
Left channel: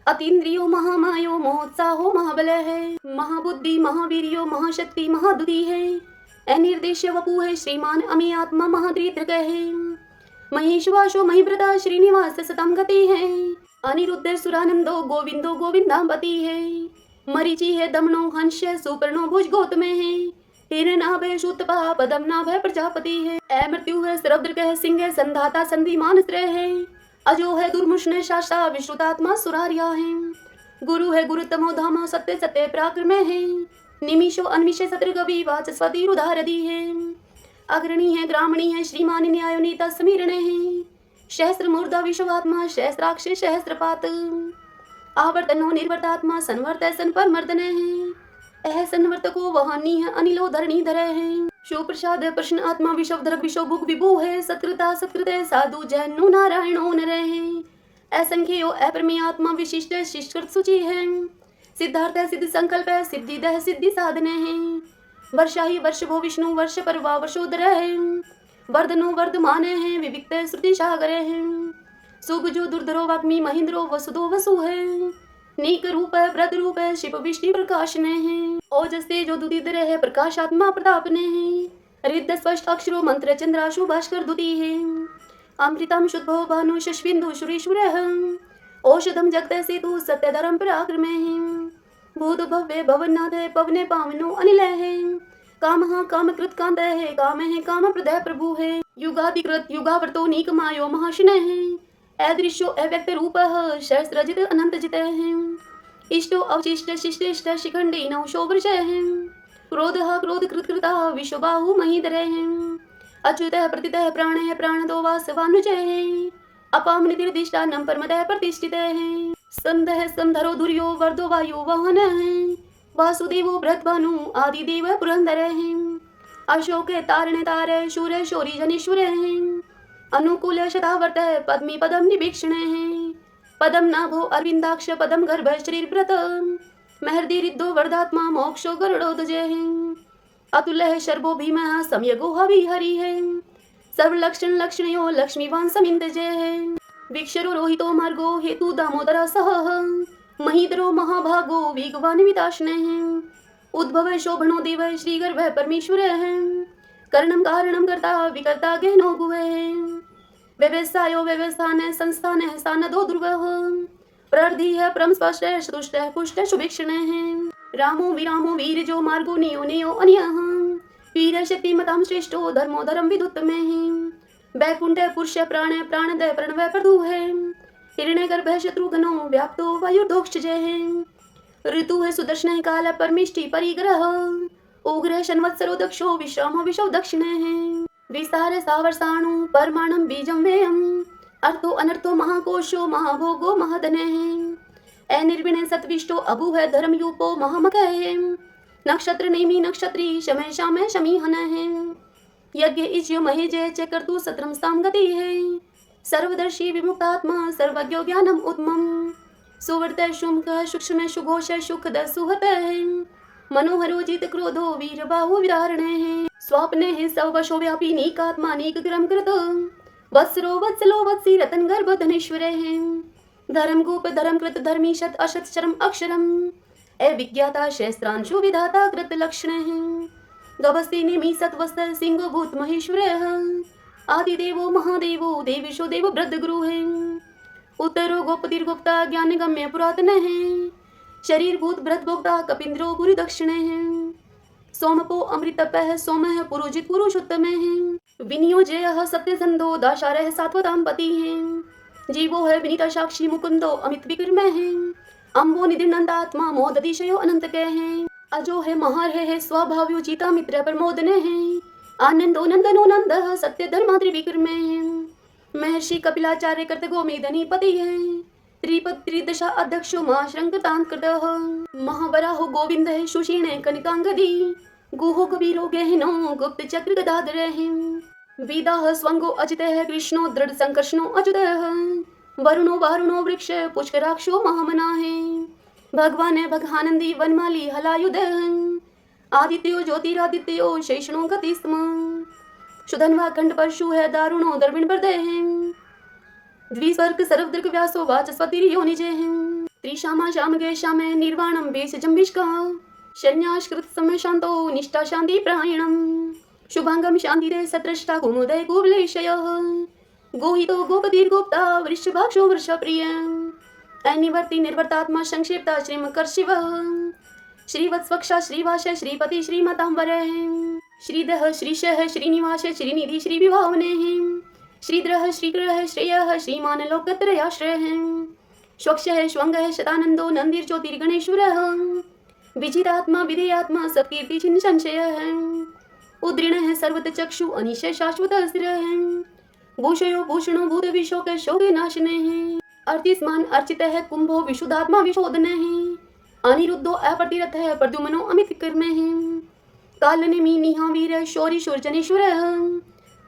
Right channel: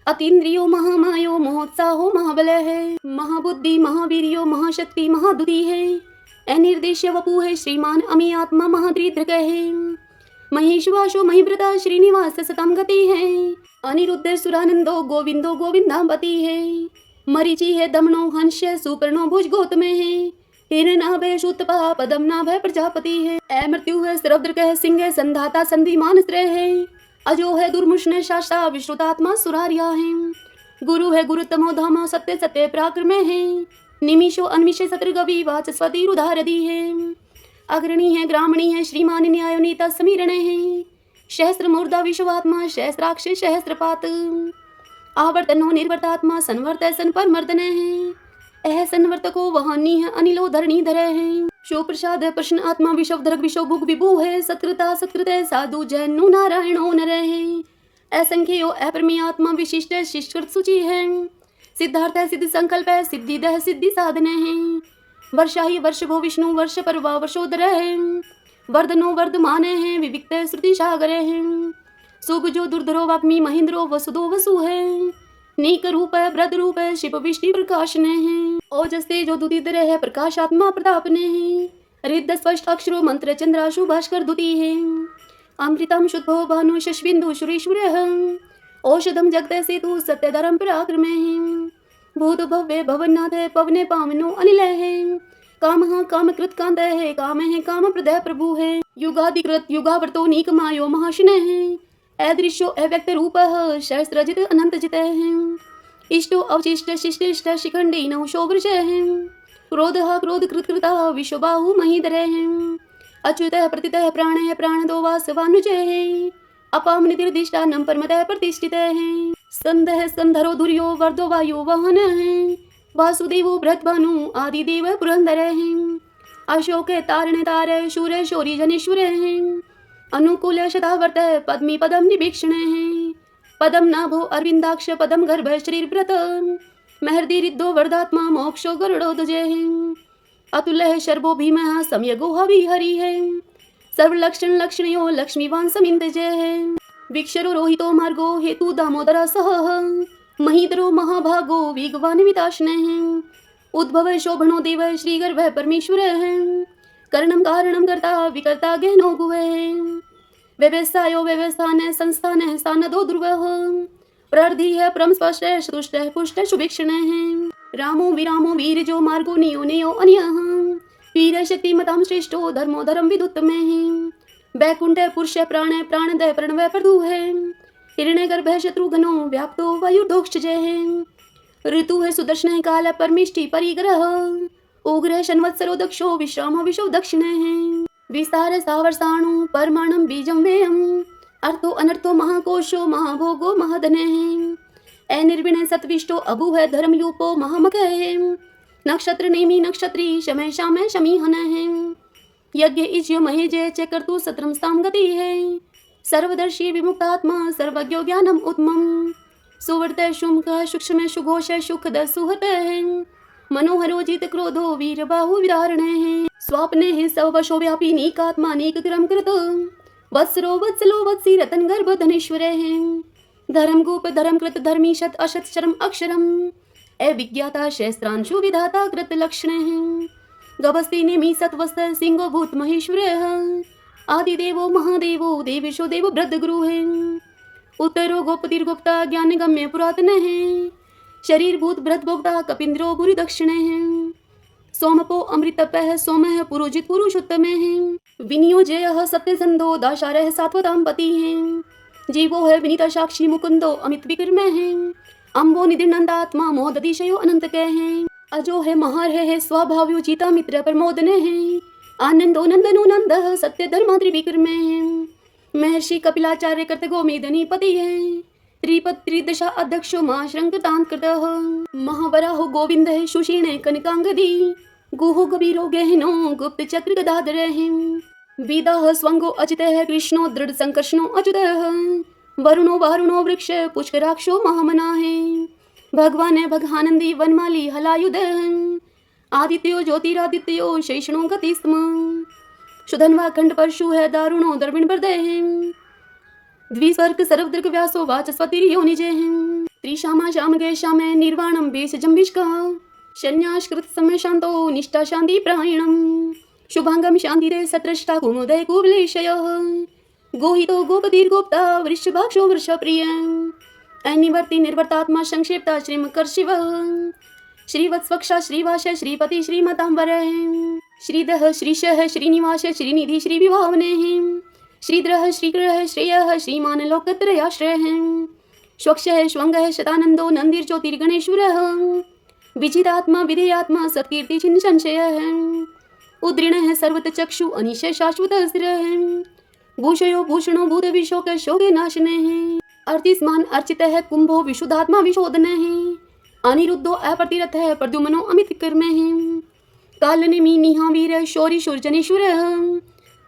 अतीन्द्रियो महामायो महोत्साहो महाबलः है। महाबुद्धि महावीर्यो महाशक्ति महादुति है। अनिर्देश्य वपु है श्रीमान अमी आत्मा महादृढ है। महेशवासो महिव्रता श्रीनिवास सतम गति है। अनिरुद्ध सुरानंदो गोविंदो गोविंदापति है। मरीचि है दमनो हंस सुपर्णो भुज गौतम है। हिरनाभय शूतपा पदम नाभय प्रजापति है। अमृत्यु है सरौद्रक है सिंह संधाता संधिमान स्त्र है। अजो है दुर्मुष्ण शास्ता विश्रुतात्मा सुरारिया है। गुरु है गुरुतमो धामो सत्य सत्य पराक्रम है। निमिषो अन्विषे सत्रगवि वाचस्पति रुधारदी है। अग्रणी है ग्रामणी है श्रीमान न्याय नेता समीरण है। सहस्रमूर्धा विश्वात्मा सहस्राक्ष सहस्रपात आवर्तनो निर्वर्तात्मा संवर्त संपरमर्दने है संवर्तको वहानी है अनिलो धरणी धरे है शो प्रसाद प्रश्न आत्मा विश्व धरक विश्व भुग विभु है सत्कृता सत्कृत साधु जैनो नारायणो नरे है असंख्यो अप्रमेय आत्मा विशिष्ट शिष्टकृत सूची है सिद्धार्थ है सिद्ध संकल्प है सिद्धि दह सिद्धि साधने है वर्षा ही वर्ष भो विष्णु वर्ष परवा वर्षोदर है वर्धनो वर्धमाने हैं विविक्त श्रुति सागरे हैं सुगजो दुर्धरो वाग्मी महेंद्रो वसुदो वसु है नीक रूप है व्रत रूप है शिव विष्णु प्रकाश ने है ओजस तेजो दुदितर है प्रकाश आत्मा प्रताप ने है रिद्ध स्पष्ट अक्षरो मंत्र चंद्राशु भास्कर दुति है अमृतम शुद्धो भानु शश्विंदु शुरीश्वर है औषधम जगत सेतु सत्य धर्म पराक्रम है भूत भव्य भवनाथ है पवने पावनो अनिल है काम कृत कांत है काम प्रदय प्रभु है युगाधिकृत युगावर्तो नीक मायो महाशन है अदृश्यो अव्यक्त रूप सहस्रजित अनंत जित है इष्टो अवशिष्ट शिष्टिष्ट शिखंडी नौशो वृष है क्रोध कृत कृता विश्वबाहु महीधर है अच्युत प्रतित प्राण प्राणदो वासवानुज है अपाम निर्दिष्टानम परमतः प्रतिष्ठित है संदह संधरो धुर्यो वर्धो वायु वहन है वासुदेवो भ्रतभानु आदि देव पुरंदर है अशोक तारण तारे शूर शौरी जनेश्वर है अनुकूल शतावर्त पद्मी पदम निभीक्षण है पदम नाभो अरविंदाक्ष पदम गर्भ शरीर व्रत महर्दि रिद्धो वर्धात्मा मोक्षो गरुड़ो ध्वज है अतुल्य शर्भो भीम सम्यगो हवि हरि है सर्वलक्षण लक्षणयो लक्ष्मीवान समिंद जय है विक्षरो रोहितो मार्गो हेतु दामोदर सह महीधरो महाभागो वेगवान विताशने हैं उद्भव शोभनो देव श्री गर्भ परमेश्वर है कर्णम कारणम करता विकर्ता गहनो गुह है व्यवसायो व्यवस्थान संस्थान स्थान दो ध्रुव प्रर्धि है परम स्पष्ट तुष्ट पुष्ट शुभीक्षण है रामो विरामो वीर जो मार्गो नियो नियो अन्य वीर शक्ति मताम श्रेष्ठो धर्मो धर्म विदुत्तम है बैकुंठ पुरुष प्राण प्राणदय प्रणव प्रदु है हिरण्य गर्भ शत्रुघ्नो व्याप्तो वायुर्धोक्ष जय है ऋतु है सुदर्शन काल परमिष्टि परिग्रह उग्र शन्वत्सरो दक्षो विश्राम विशो दक्षिण है विस्तार सावर्षाणु परमाणम बीजम वेयम अर्थो अनर्थो महाकोशो महाभोगो महदने है अनिर्विण सत्विष्टो अभु है धर्मयूपो महामक है नक्षत्र नेमी नक्षत्री शमय शामय शमीहन है यज्ञ इज्य महेजय चक्रतु सत्रम स्थाम गति है सर्वदर्शी विमुक्तात्मा सर्वज्ञो ज्ञानम उत्तमम सुवर्त शुंक सूक्ष्म सुघोष सुखद सुहत है मनोहरो जित क्रोधो वीर बाहु विदारण है स्वाप्ने है सवशो व्यापी नीकात्मा नीक क्रम कृत वत्सरो वत्सलो वत्सी रतन गर्भ धनेश्वर है धर्म गोप धर्म कृत धर्मी शत अशत शरम अक्षरम अविज्ञाता शस्त्रांशु विधाता कृत लक्षण है गभस्ति नेमि सत्वस्त सिंहो भूत महेश्वर आदिदेवो महादेवो देवेशो देव वृद्ध गुरु है उत्तरो गोपतिर्गुप्ता ज्ञान गम्य पुरातन है शरीर भूत व्रत भोक्ता कपिंद्रो बुरी दक्षिण है सोमपो अमृतप है सोम है पुरोजित पुरुषोत्तम है विनियोजय सत्य संधो दाशारह सात्वताम पति है जीवो है विनीता साक्षी मुकुंदो अमित विक्रम है अम्बो निधिनंदात्मा मोदतिशयो अनंत कह है अजो है महार है स्वभाव्यो जीता मित्र प्रमोदन है आनंदो नंदनो नंद सत्य धर्मा त्रिविक्रम है महर्षि कपिलाचार्य कृत गोमेदनी पति है त्रिपद त्रिदशा अध्यक्षो महाश्रंकतांत कृत महावराहो गोविंद है सुषीण कनकांगदी गुहो कबीरो गहनो गुप्त चक्र गदाधर है विदाह स्वंगो अजित है कृष्णो दृढ़ संकर्षणो अजुत वरुणो वारुणो वृक्ष पुष्कराक्षो महामना है भगवान है भगानंदी वनमाली हलायुध आदित्यो ज्योतिरादित्यो शैषणो गति स्म सुधन्वा खंड परशु है दारुणो दर्विण हृदय है द्विस्वर्ग सर्वदृग व्यासो वाचस्पति योनिजे है त्रिशामा श्याम गे श्याम निर्वाणम बेस जम्बिष्का शन्याश्कृत समय शांतो निष्ठा शांति प्रायणम शुभांगम शांति रे सत्रष्टा कुमोदय कुवलेशय गोहितो गोपतिर्गोप्ता वृषभाक्षो वृषप्रिय अनिवर्ति निर्वर्तात्मा संक्षिप्ता श्रीमकर शिव श्रीवत्स्वक्षा श्रीवास श्रीपति श्रीमतांबर श्रीदह श्रीशः श्रीनिवास श्रीनिधि श्रीविभावने श्रीद्रह श्रीग्रह श्रेय श्रीमान लोकत्रयाश्रय स्वक्ष श्वंग शतानंदो नंदिर ज्योतिर्गणेश्वर विजितात्मा विधेयात्मा सत्कीर्ति चिन्ह संशय उद्रीण सर्वत चक्षु अनिश शाश्वत स्थिर भूषयो भूषणो भूत विशोक शोके नाशने हैं। अर्चिस्मान अर्चित है कुंभो विशुद्धात्मा विशोधने हैं। अनिरुद्धो अप्रतिरथ है प्रद्युम्नो अमित कर्मे हैं। कालनेमि निहा वीर शौरी शूरजनेश्वर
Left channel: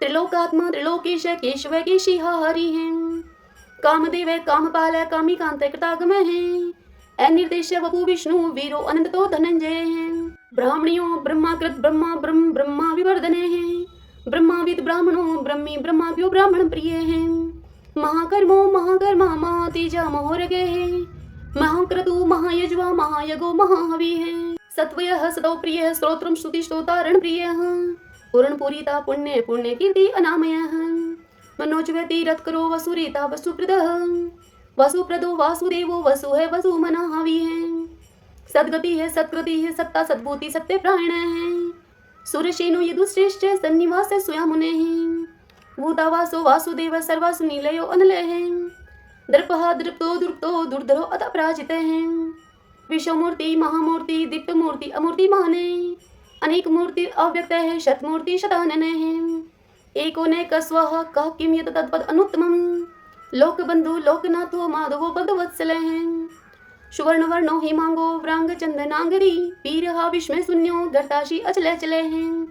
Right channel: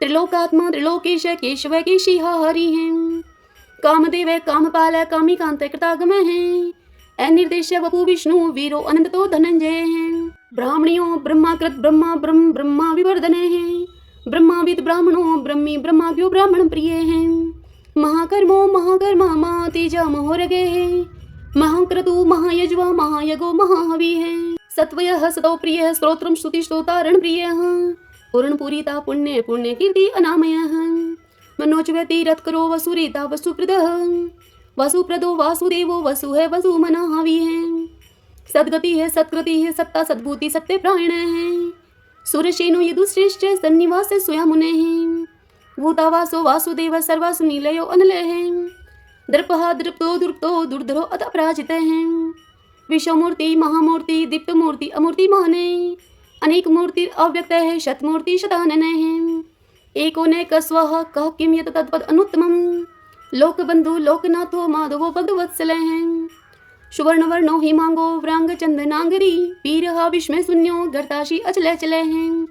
त्रिलोकात्मा त्रिलोकेश केशव केशिहा हरि हैं। कामदेव कामपाल कामिकांत कृतागम हैं। अनिर्देश वपु विष्णु वीरो अनंत तो धनंजय हैं। ब्राह्मणियों ब्रह्माकृत ब्रह्मा ब्रह्म ब्रह्मा विवर्धने हैं। ब्रह्माविद ब्राह्मणो ब्रह्मी ब्रह्माव्यो ब्राह्मण प्रिय हैं। महाकर्मो महाकर्मा महातेजा महोरगे हैं। महाक्रतु महायज्वा महायगो महाहवि है। सत्वयः सतो प्रियः स्तोत्रम श्रुति स्तोतारण प्रियः। पूर्ण पूरिता पुण्य पुण्य कीर्ति अनामयः। मनोजवती रथ करो वसुरीता वसुप्रदः। वसुप्रदो वासुदेवो वसु है वसु मना हवि है। सद्गति है सत्कृति है सत्ता सद्भूति सत्य प्राण है। सुरसेनो यदुश्रेष्ठ सन्निवास स्वयं मुने हैं। भूतावासो वासुदेव सर्वासु नीलयो अनलय है। दर्पहा दृप्तो दुर्प्तो दुर्धरो अत पराजित हैं। विश्वमूर्ति महामूर्ति दीप्त मूर्ति अमूर्ति माने। अनेक मूर्ति अव्यक्त है शतमूर्ति शतानन है। एकोनेक स्वः कह किम यत तत्पद अनुत्तमम्। लोकबंधु लोकनाथो माधवो भगवत्सल हैं। सुवर्ण वर्णो हिमांगो व्रांग चंदनांगरी पीरहा विस्मय शून्यो गर्ताशी अचले चले हैं।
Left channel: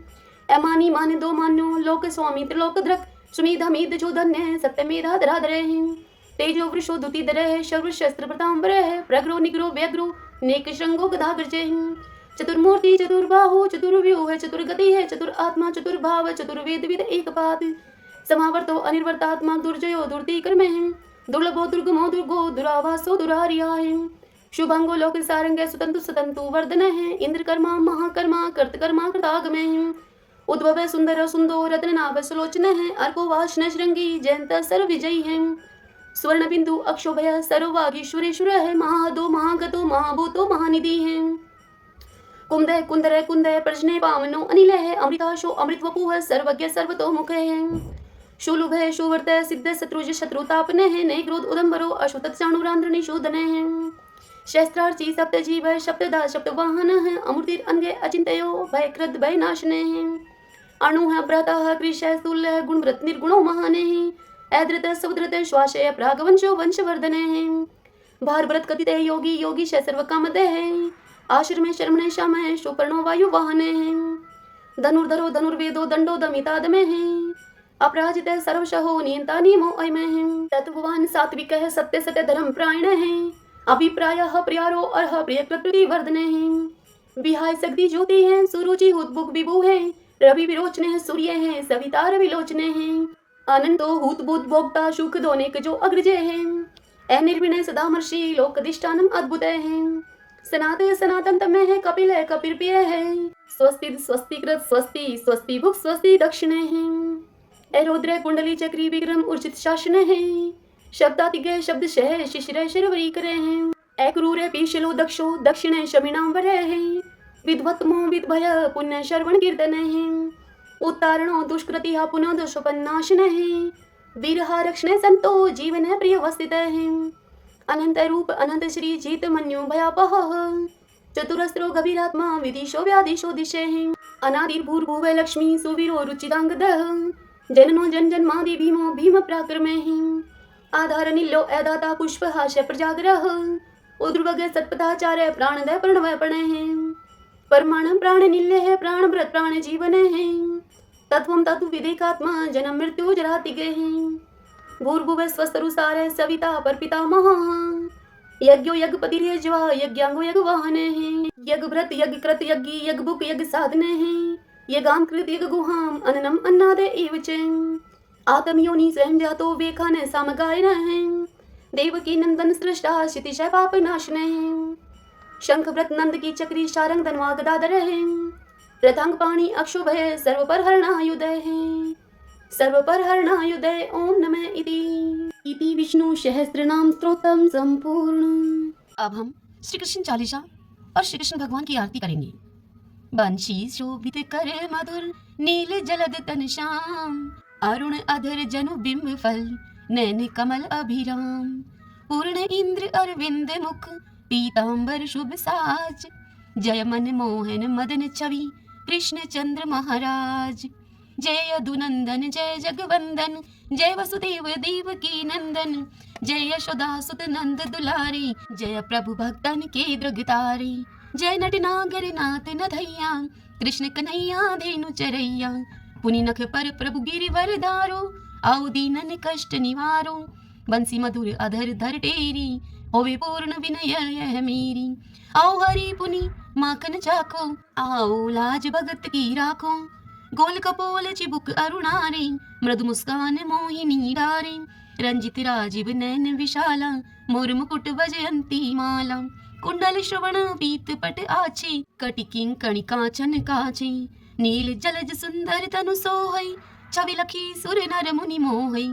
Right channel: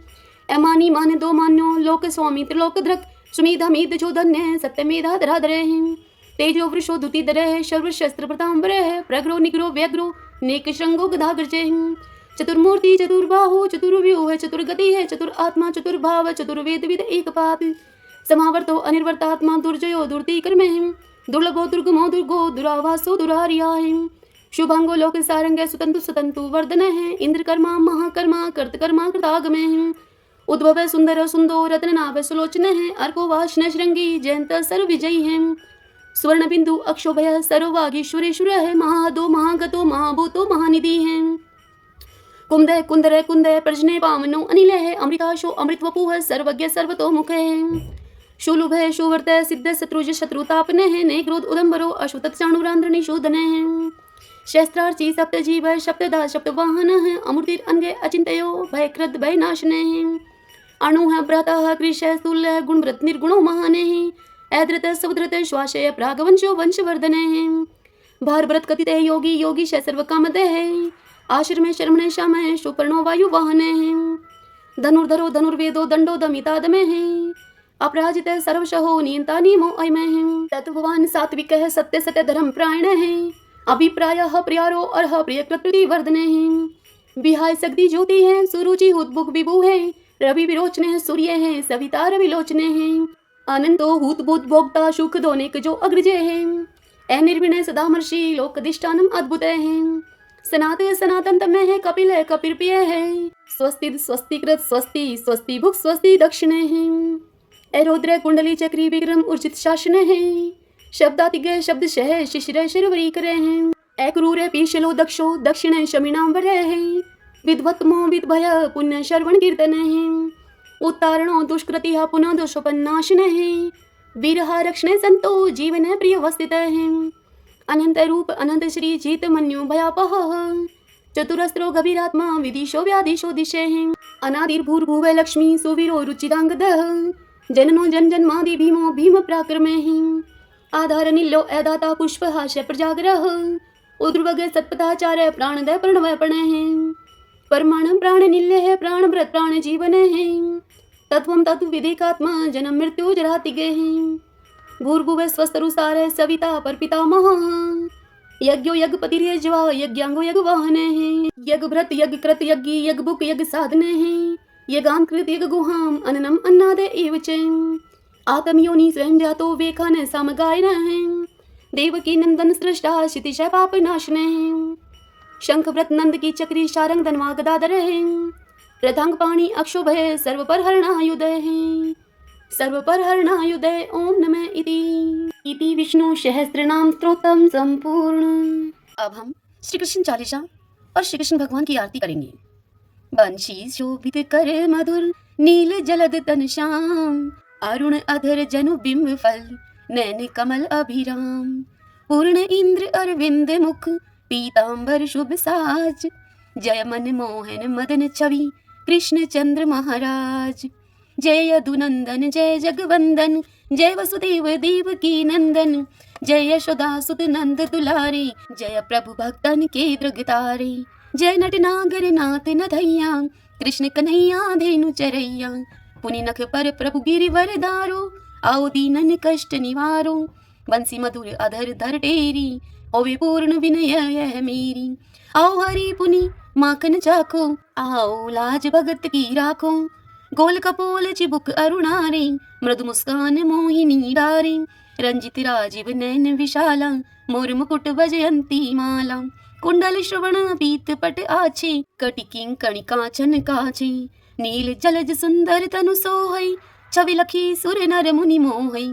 अमानी मान दो मान्यो लोक स्वामी त्रिलोक धृक सुमीधा मीद जो धन्य सत्यमेधा धराधर हैं। तेजो वृषो दुति दरह शर्व शस्त्र प्रतांबर है। प्रग्रो निग्रो व्यग्रो नेक श्रृंगो गदाग्रज हैं। चतुर्मूर्ति चतुर्बाहु चतुर्व्यूह चतुर्गति है। चतुर आत्मा चतुर्भाव चतुर्वेद विद एक पात। समावर्तो अनिर्वर्तात्मा दुर्जयो दुर्ति कर्मे हैं। दुर्लभो दुर्गमो दुर्गो दुरावासो दुरारिया है। शुभांगो लोक सारंग सुतंतु सुतंतु वर्धन है। इंद्र कर्मा महाकर्मा कर्तकर्मा कृतागम है। उद्भव सुंदर सुंदो रत्न नाभ सुलोचन है। अर्को वाष्ण श्रृंगी जयंत सर्व विजयी है। स्वर्ण बिंदु अक्षोभय सर्ववागीश्वरेश्वर है। महादो महागतो महाभूतो महानिधि है। कुंदय कुंदर कुंदय प्रजने पावनो अनिल है। अमृताशो अमृत वपु है। सर्वज्ञ सर्वतो मुख है। शूलुभ है सुवर्त सिद्ध शत्रुज शत्रुतापने है। ने क्रोध उदम्बरो अशुत चाणुरांध्रनि शोधने है। शस्त्रार्ची सप्त जीव है। शब्ददा शब्द वाहन है। अमृतिर अंगे अचिंतयो भयकृत भय नाशने है। अणु है भ्राता कृष स्थूल गुणव्रत निर्गुणो महाने है। ऐद्रत समुद्रत श्वासय प्रागवंशो वंशवर्धने हैं। भार व्रत कथित योगी योगी सर्व कामद है। आश्रमे शर्मणे श्यामय सुपर्णो वायु वाहने हैं। धनुर्धरो धनुर्वेदो दंडो दमितादमे है। अपराजित सर्वशहो नियंता नियमो अयमय है। तत्ववान सात्विक है सत्य सत्य धर्म प्रायण है। अभिप्राय प्रियारो अर्ह प्रिय प्रकृति वर्धने हैं। विहाय शक्ति ज्योति है। सुरुचि हुतबुक विभु है। रवि विरोचने है सूर्य है। सवितार विलोचने हैं। अनंतो हूत भूत भोक्ता सुख दोनेक जो अग्रजय है। अनिर्विणय सदामर्षि लोकधिष्ठानम अद्भुत है। सनातय सनातन तमय है। कपिल है कपिल प्रिय है। स्वस्ति स्वस्तिकृत स्वस्ति स्वस्ति भुक स्वस्ति दक्षिणे है। रुद्र कुंडली चक्री विक्रम उर्जित शासन है। शब्दातिगय शब्द शह शिशिर शिरवरी करे हैं। अक्रूर पीशलो दक्षो दक्षिण शमिनाम वर है। विद्वत्मो विद्भय पुण्य श्रवण कीर्तन है। उत्तारणो दुष्कृति पुनः दोषोपन्नाशन है। वीरहा रक्षणे संतो जीवन प्रिय वस्थित है। अनंत रूप अनंत श्री जीत मन्यु भयापह। चतुरस्त्रो गभीरात्मा विदिशो व्यादिशो दिशे है। अनादिर्भूर्भुव लक्ष्मी सुवीरो रुचिरांगद। जननो जन जन्मादि भीमो भीम पराक्रमे है। आधार नीलो अदाता पुष्प हास्य प्रजाग्रह। उद्रवग सत्पथाचार्य प्राणदय प्रणवय पणे है। परमाणु प्राण निल्य है। प्राण व्रत प्राण जीवन है। तत्वम तत्व विदेकात्मा जन्म मृत्यु जरातिगे हैं। भूर्भुव स्वस्तरुसार सविता पर पितामह। यज्ञो यज्ञपतिर्यज्वा यज्ञांगो यज्ञ वाहन है। यज्ञ भ्रत यज्ञ कृत यज्ञ यज्ञ बुक यज्ञ साधने हैं। यज्ञाम कृत यज्ञ गुहाम अननम अन्नाद एव च। आत्मयोनि स्वयं जातो वेखान समगायन है। देवकी नंदन सृष्टा क्षितिश पाप नाशने हैं। शंख व्रत नंद की चक्री शारंग धनवा गदाधर है। रथांग पाणी अक्षोभय सर्व पर हरणायुध है। सर्व पर हरणायुधे ओम नमः इति विष्णु सहस्त्रनाम स्तोत्रम संपूर्ण। अब हम श्री कृष्ण चालीसा और श्री कृष्ण भगवान की आरती करेंगे। बंशी शोभित कर मधुर नील जलद तन श्याम। अरुण अधर जनु बिंब फल नैन कमल अभिराम। पूर्ण इंद्र अरविंद मुख पीतांबर शुभ साज। जय मन मोहन मदन छवि कृष्ण चंद्र महाराज। जय यदुनंदन जय जगवंदन, जय वसुदेव देवकी नंदन, जय यशोदा सुत नंद दुलारे, जय प्रभु भक्तन के दृगतारे। जय नटनागर नाथ नथैया, कृष्ण कन्हैया धेनु चरैया, पुनि नख पर प्रभु गिरिवर धारो, आओ दीनन कष्ट निवारो। बंसी मधुर अधर धर टेरी, होवे पूर्ण विनय यह मेरी। आओ हरि पुनि माखन चाखो, आओ लाज भगत की राखो। गोल कपोल चिबुक अरुणारे, मृदु मुस्कान मोहिनी डारे। रंजित राजीव नयन विशाला, मोर मुकुट वजयंती माला। कुंडल श्रवण पीत पट आछे, कटिकिं कणि कांचन काचे। नील जलज सुंदर तनु सोहै, छवि लखी सुर नर मुनि मोहै।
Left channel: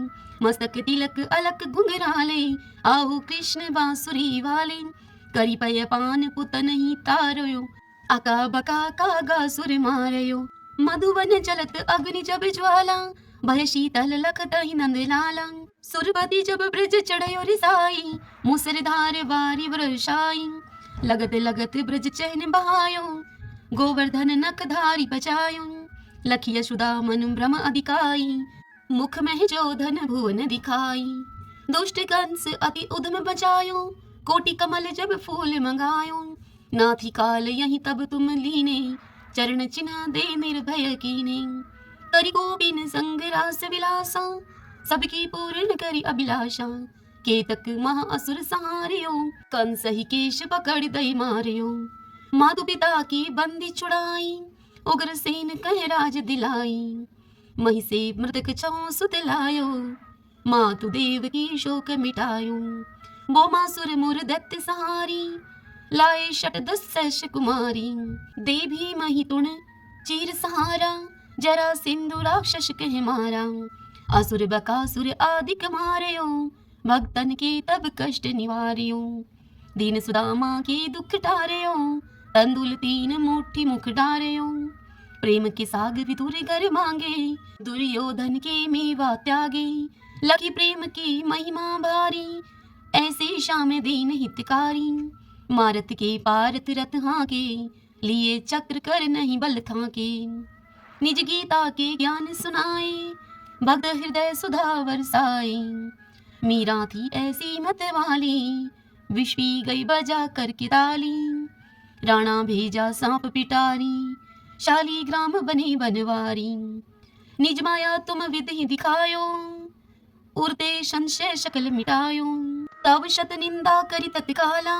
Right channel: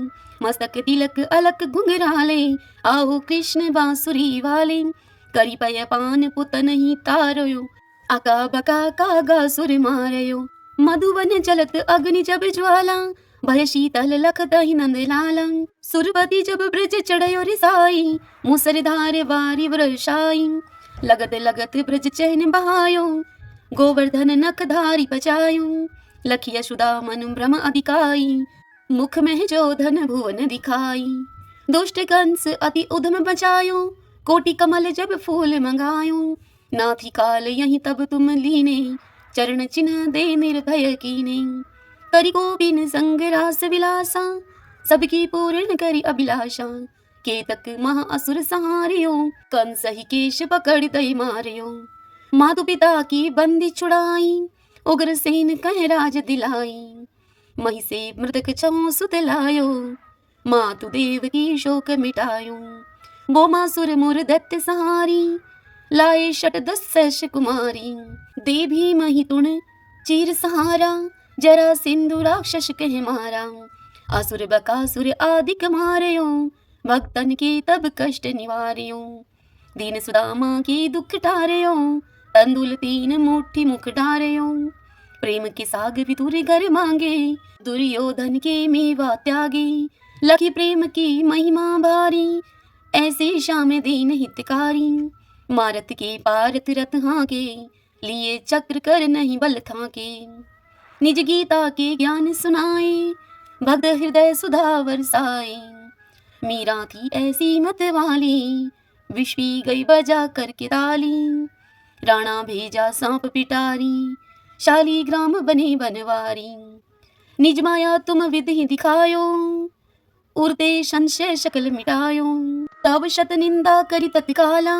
मस्तक तिलक अलक घुंघराले, आओ कृष्ण बांसुरी वाले। करी पय पान पुतन ही तारयो, आका बका कागा सुर मारयो। मधुवन जलत अग्नि जब ज्वाला, भय शीतल लखत ही नंद लाला। सुरपति जब ब्रज चढ़यो रिसाई, मूसरधार वारी वर्षाई। लगत लगत ब्रज चैन बहायो, गोवर्धन नख धारी बचायो। लखी यशोदा मन भ्रम अधिकाई, मुख में जो धन भुवन दिखाई। दुष्ट कंस अति उद्यम बचायो, कोटि कमल जब फूल मंगायो। नाथी काल यही तब तुम लीने, चरण चिन्ह दे निर्भय कीने। करि गोबिन संग रास विलासा, सबकी पूर्ण करि अभिलाषा। केतक महा असुर सहारियो, कंस ही केश पकड़ दई मारियो। मातु पिता की बंदी छुड़ाई, उग्र सेन कह राज दिलाई। मही से मृतक छऊ सुत लायो, मातु देव की शोक मिटायो। वो मासुर मुर दैत्य सहारी, लाए शत दस कुमारी। दे भी मही तुण चीर सहारा, जरा सिंधु राक्षस कह मारा। असुर बकासुर आदिक मारयो, भक्तन के तब कष्ट निवार्यो। दीन सुदामा के दुख टारयो, तंदुल तीन मुट्ठी मुख डारयो। प्रेम के साग विदुर घर मांगे, दुर्योधन के मेवा त्यागे। लखी प्रेम की महिमा भारी, ऐसे श्याम दीन हितकारी। मारत के पारत रथ हाके, लिए चक्र कर नहीं बल थाके। निज गीता के ज्ञान सुनाए, भक्त हृदय सुधा बरसाए। मीरा थी ऐसी मत वाली, विष पी गई बजा कर के ताली। राणा भेजा सांप पिटारी, शाली ग्राम बने बनवारी। निज माया तुम विधि दिखायो, उड़ते संशय शकल मिटायो। तब शत निंदा करी तत्काला,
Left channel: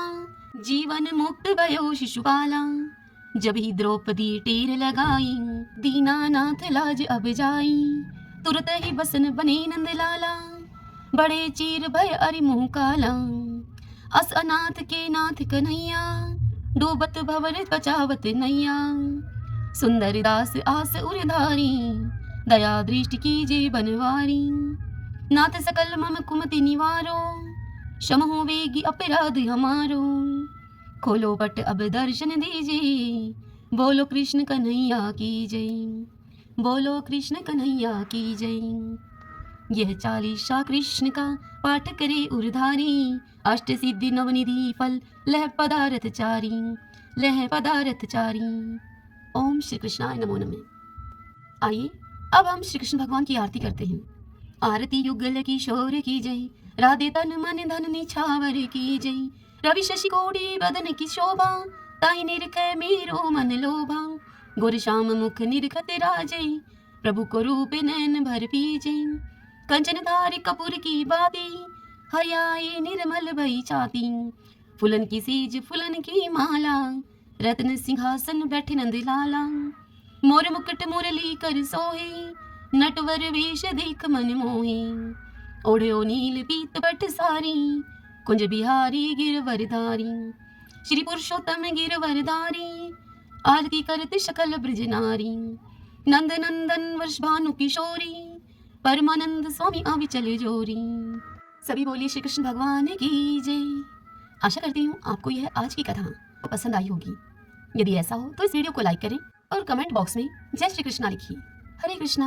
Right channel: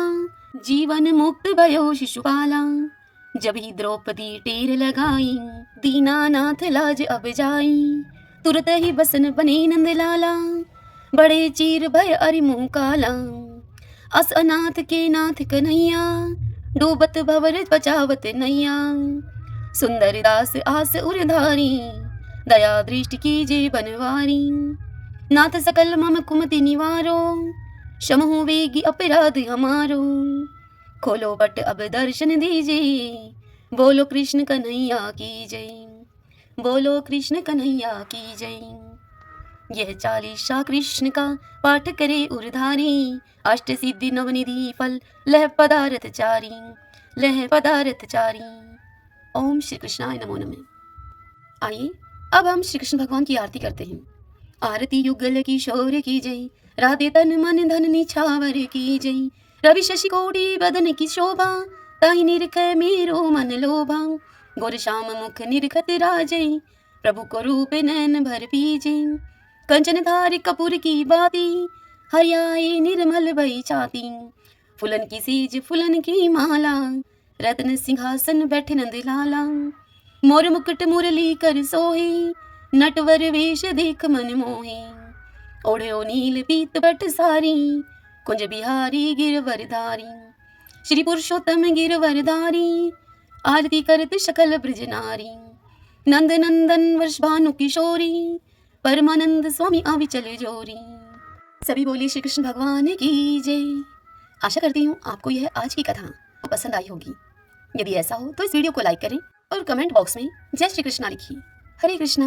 जीवन मुक्त भयो शिशुपाला। जब ही द्रौपदी टेर लगाई, दीनानाथ लाज अब जाई। तुरत ही बसन बने नंद लाला, बड़े चीर भय अरि मुँह काला। अस अनाथ के नाथ कन्हैया, डूबत भवर बचावत नैया। सुंदर दास आस उरधारी, दया दृष्टि कीजे बनवारी। नाथ सकल मम कुमति निवारो, क्षमहु वेगी अपराध हमारो। खोलो पट अब दर्शन दीजिए, बोलो कृष्ण कन्हैया की जय। बोलो कृष्ण कन्हैया की जय। यह चालीसा कृष्ण का पाठ करे उरधारी, अष्ट सिद्धि नवनिधि फल लह पदार्थ चारी। लह पदार्थ चारी। ओम श्री कृष्णाय नमो नमः। आइए अब हम श्री कृष्ण भगवान की आरती करते हैं। आरती युगल किशोर की जय, राधे तन मन धन निछावर की जय। रवि शशि कोटि बदन की शोभा, ताहि निरख मेरो मन लोभा। गोर श्याम मुख निरखत राजै, प्रभु को रूप नैन भर पीजे। कंचन धार कपूर की बाती, हरियाए निर्मल भई छाती। फुलन की सीज फुलन की माला, रत्न सिंहासन बैठे नंद लाला। मोर मुकुट मुरली कर सोहे, नटवर वेश देख मन मोहे। ओढ़ो नील पीत बट सारी, कुंज बिहारी गिरवरधारी। श्री पुरुषोत्तम गिरवरधारी, आरती करत सकल ब्रज नारी। नंद नंदन वर्षभानु किशोरी, परमानंद स्वामी अविचल जोरी। सभी बोलिए श्री कृष्ण भगवान की जय। आशा करती हूँ आपको यह आज की कथा पसंद आई होगी। यदि ऐसा हो तो इस वीडियो को लाइक करें और कमेंट बॉक्स में जय श्री कृष्णा लिखिए। हरे कृष्णा।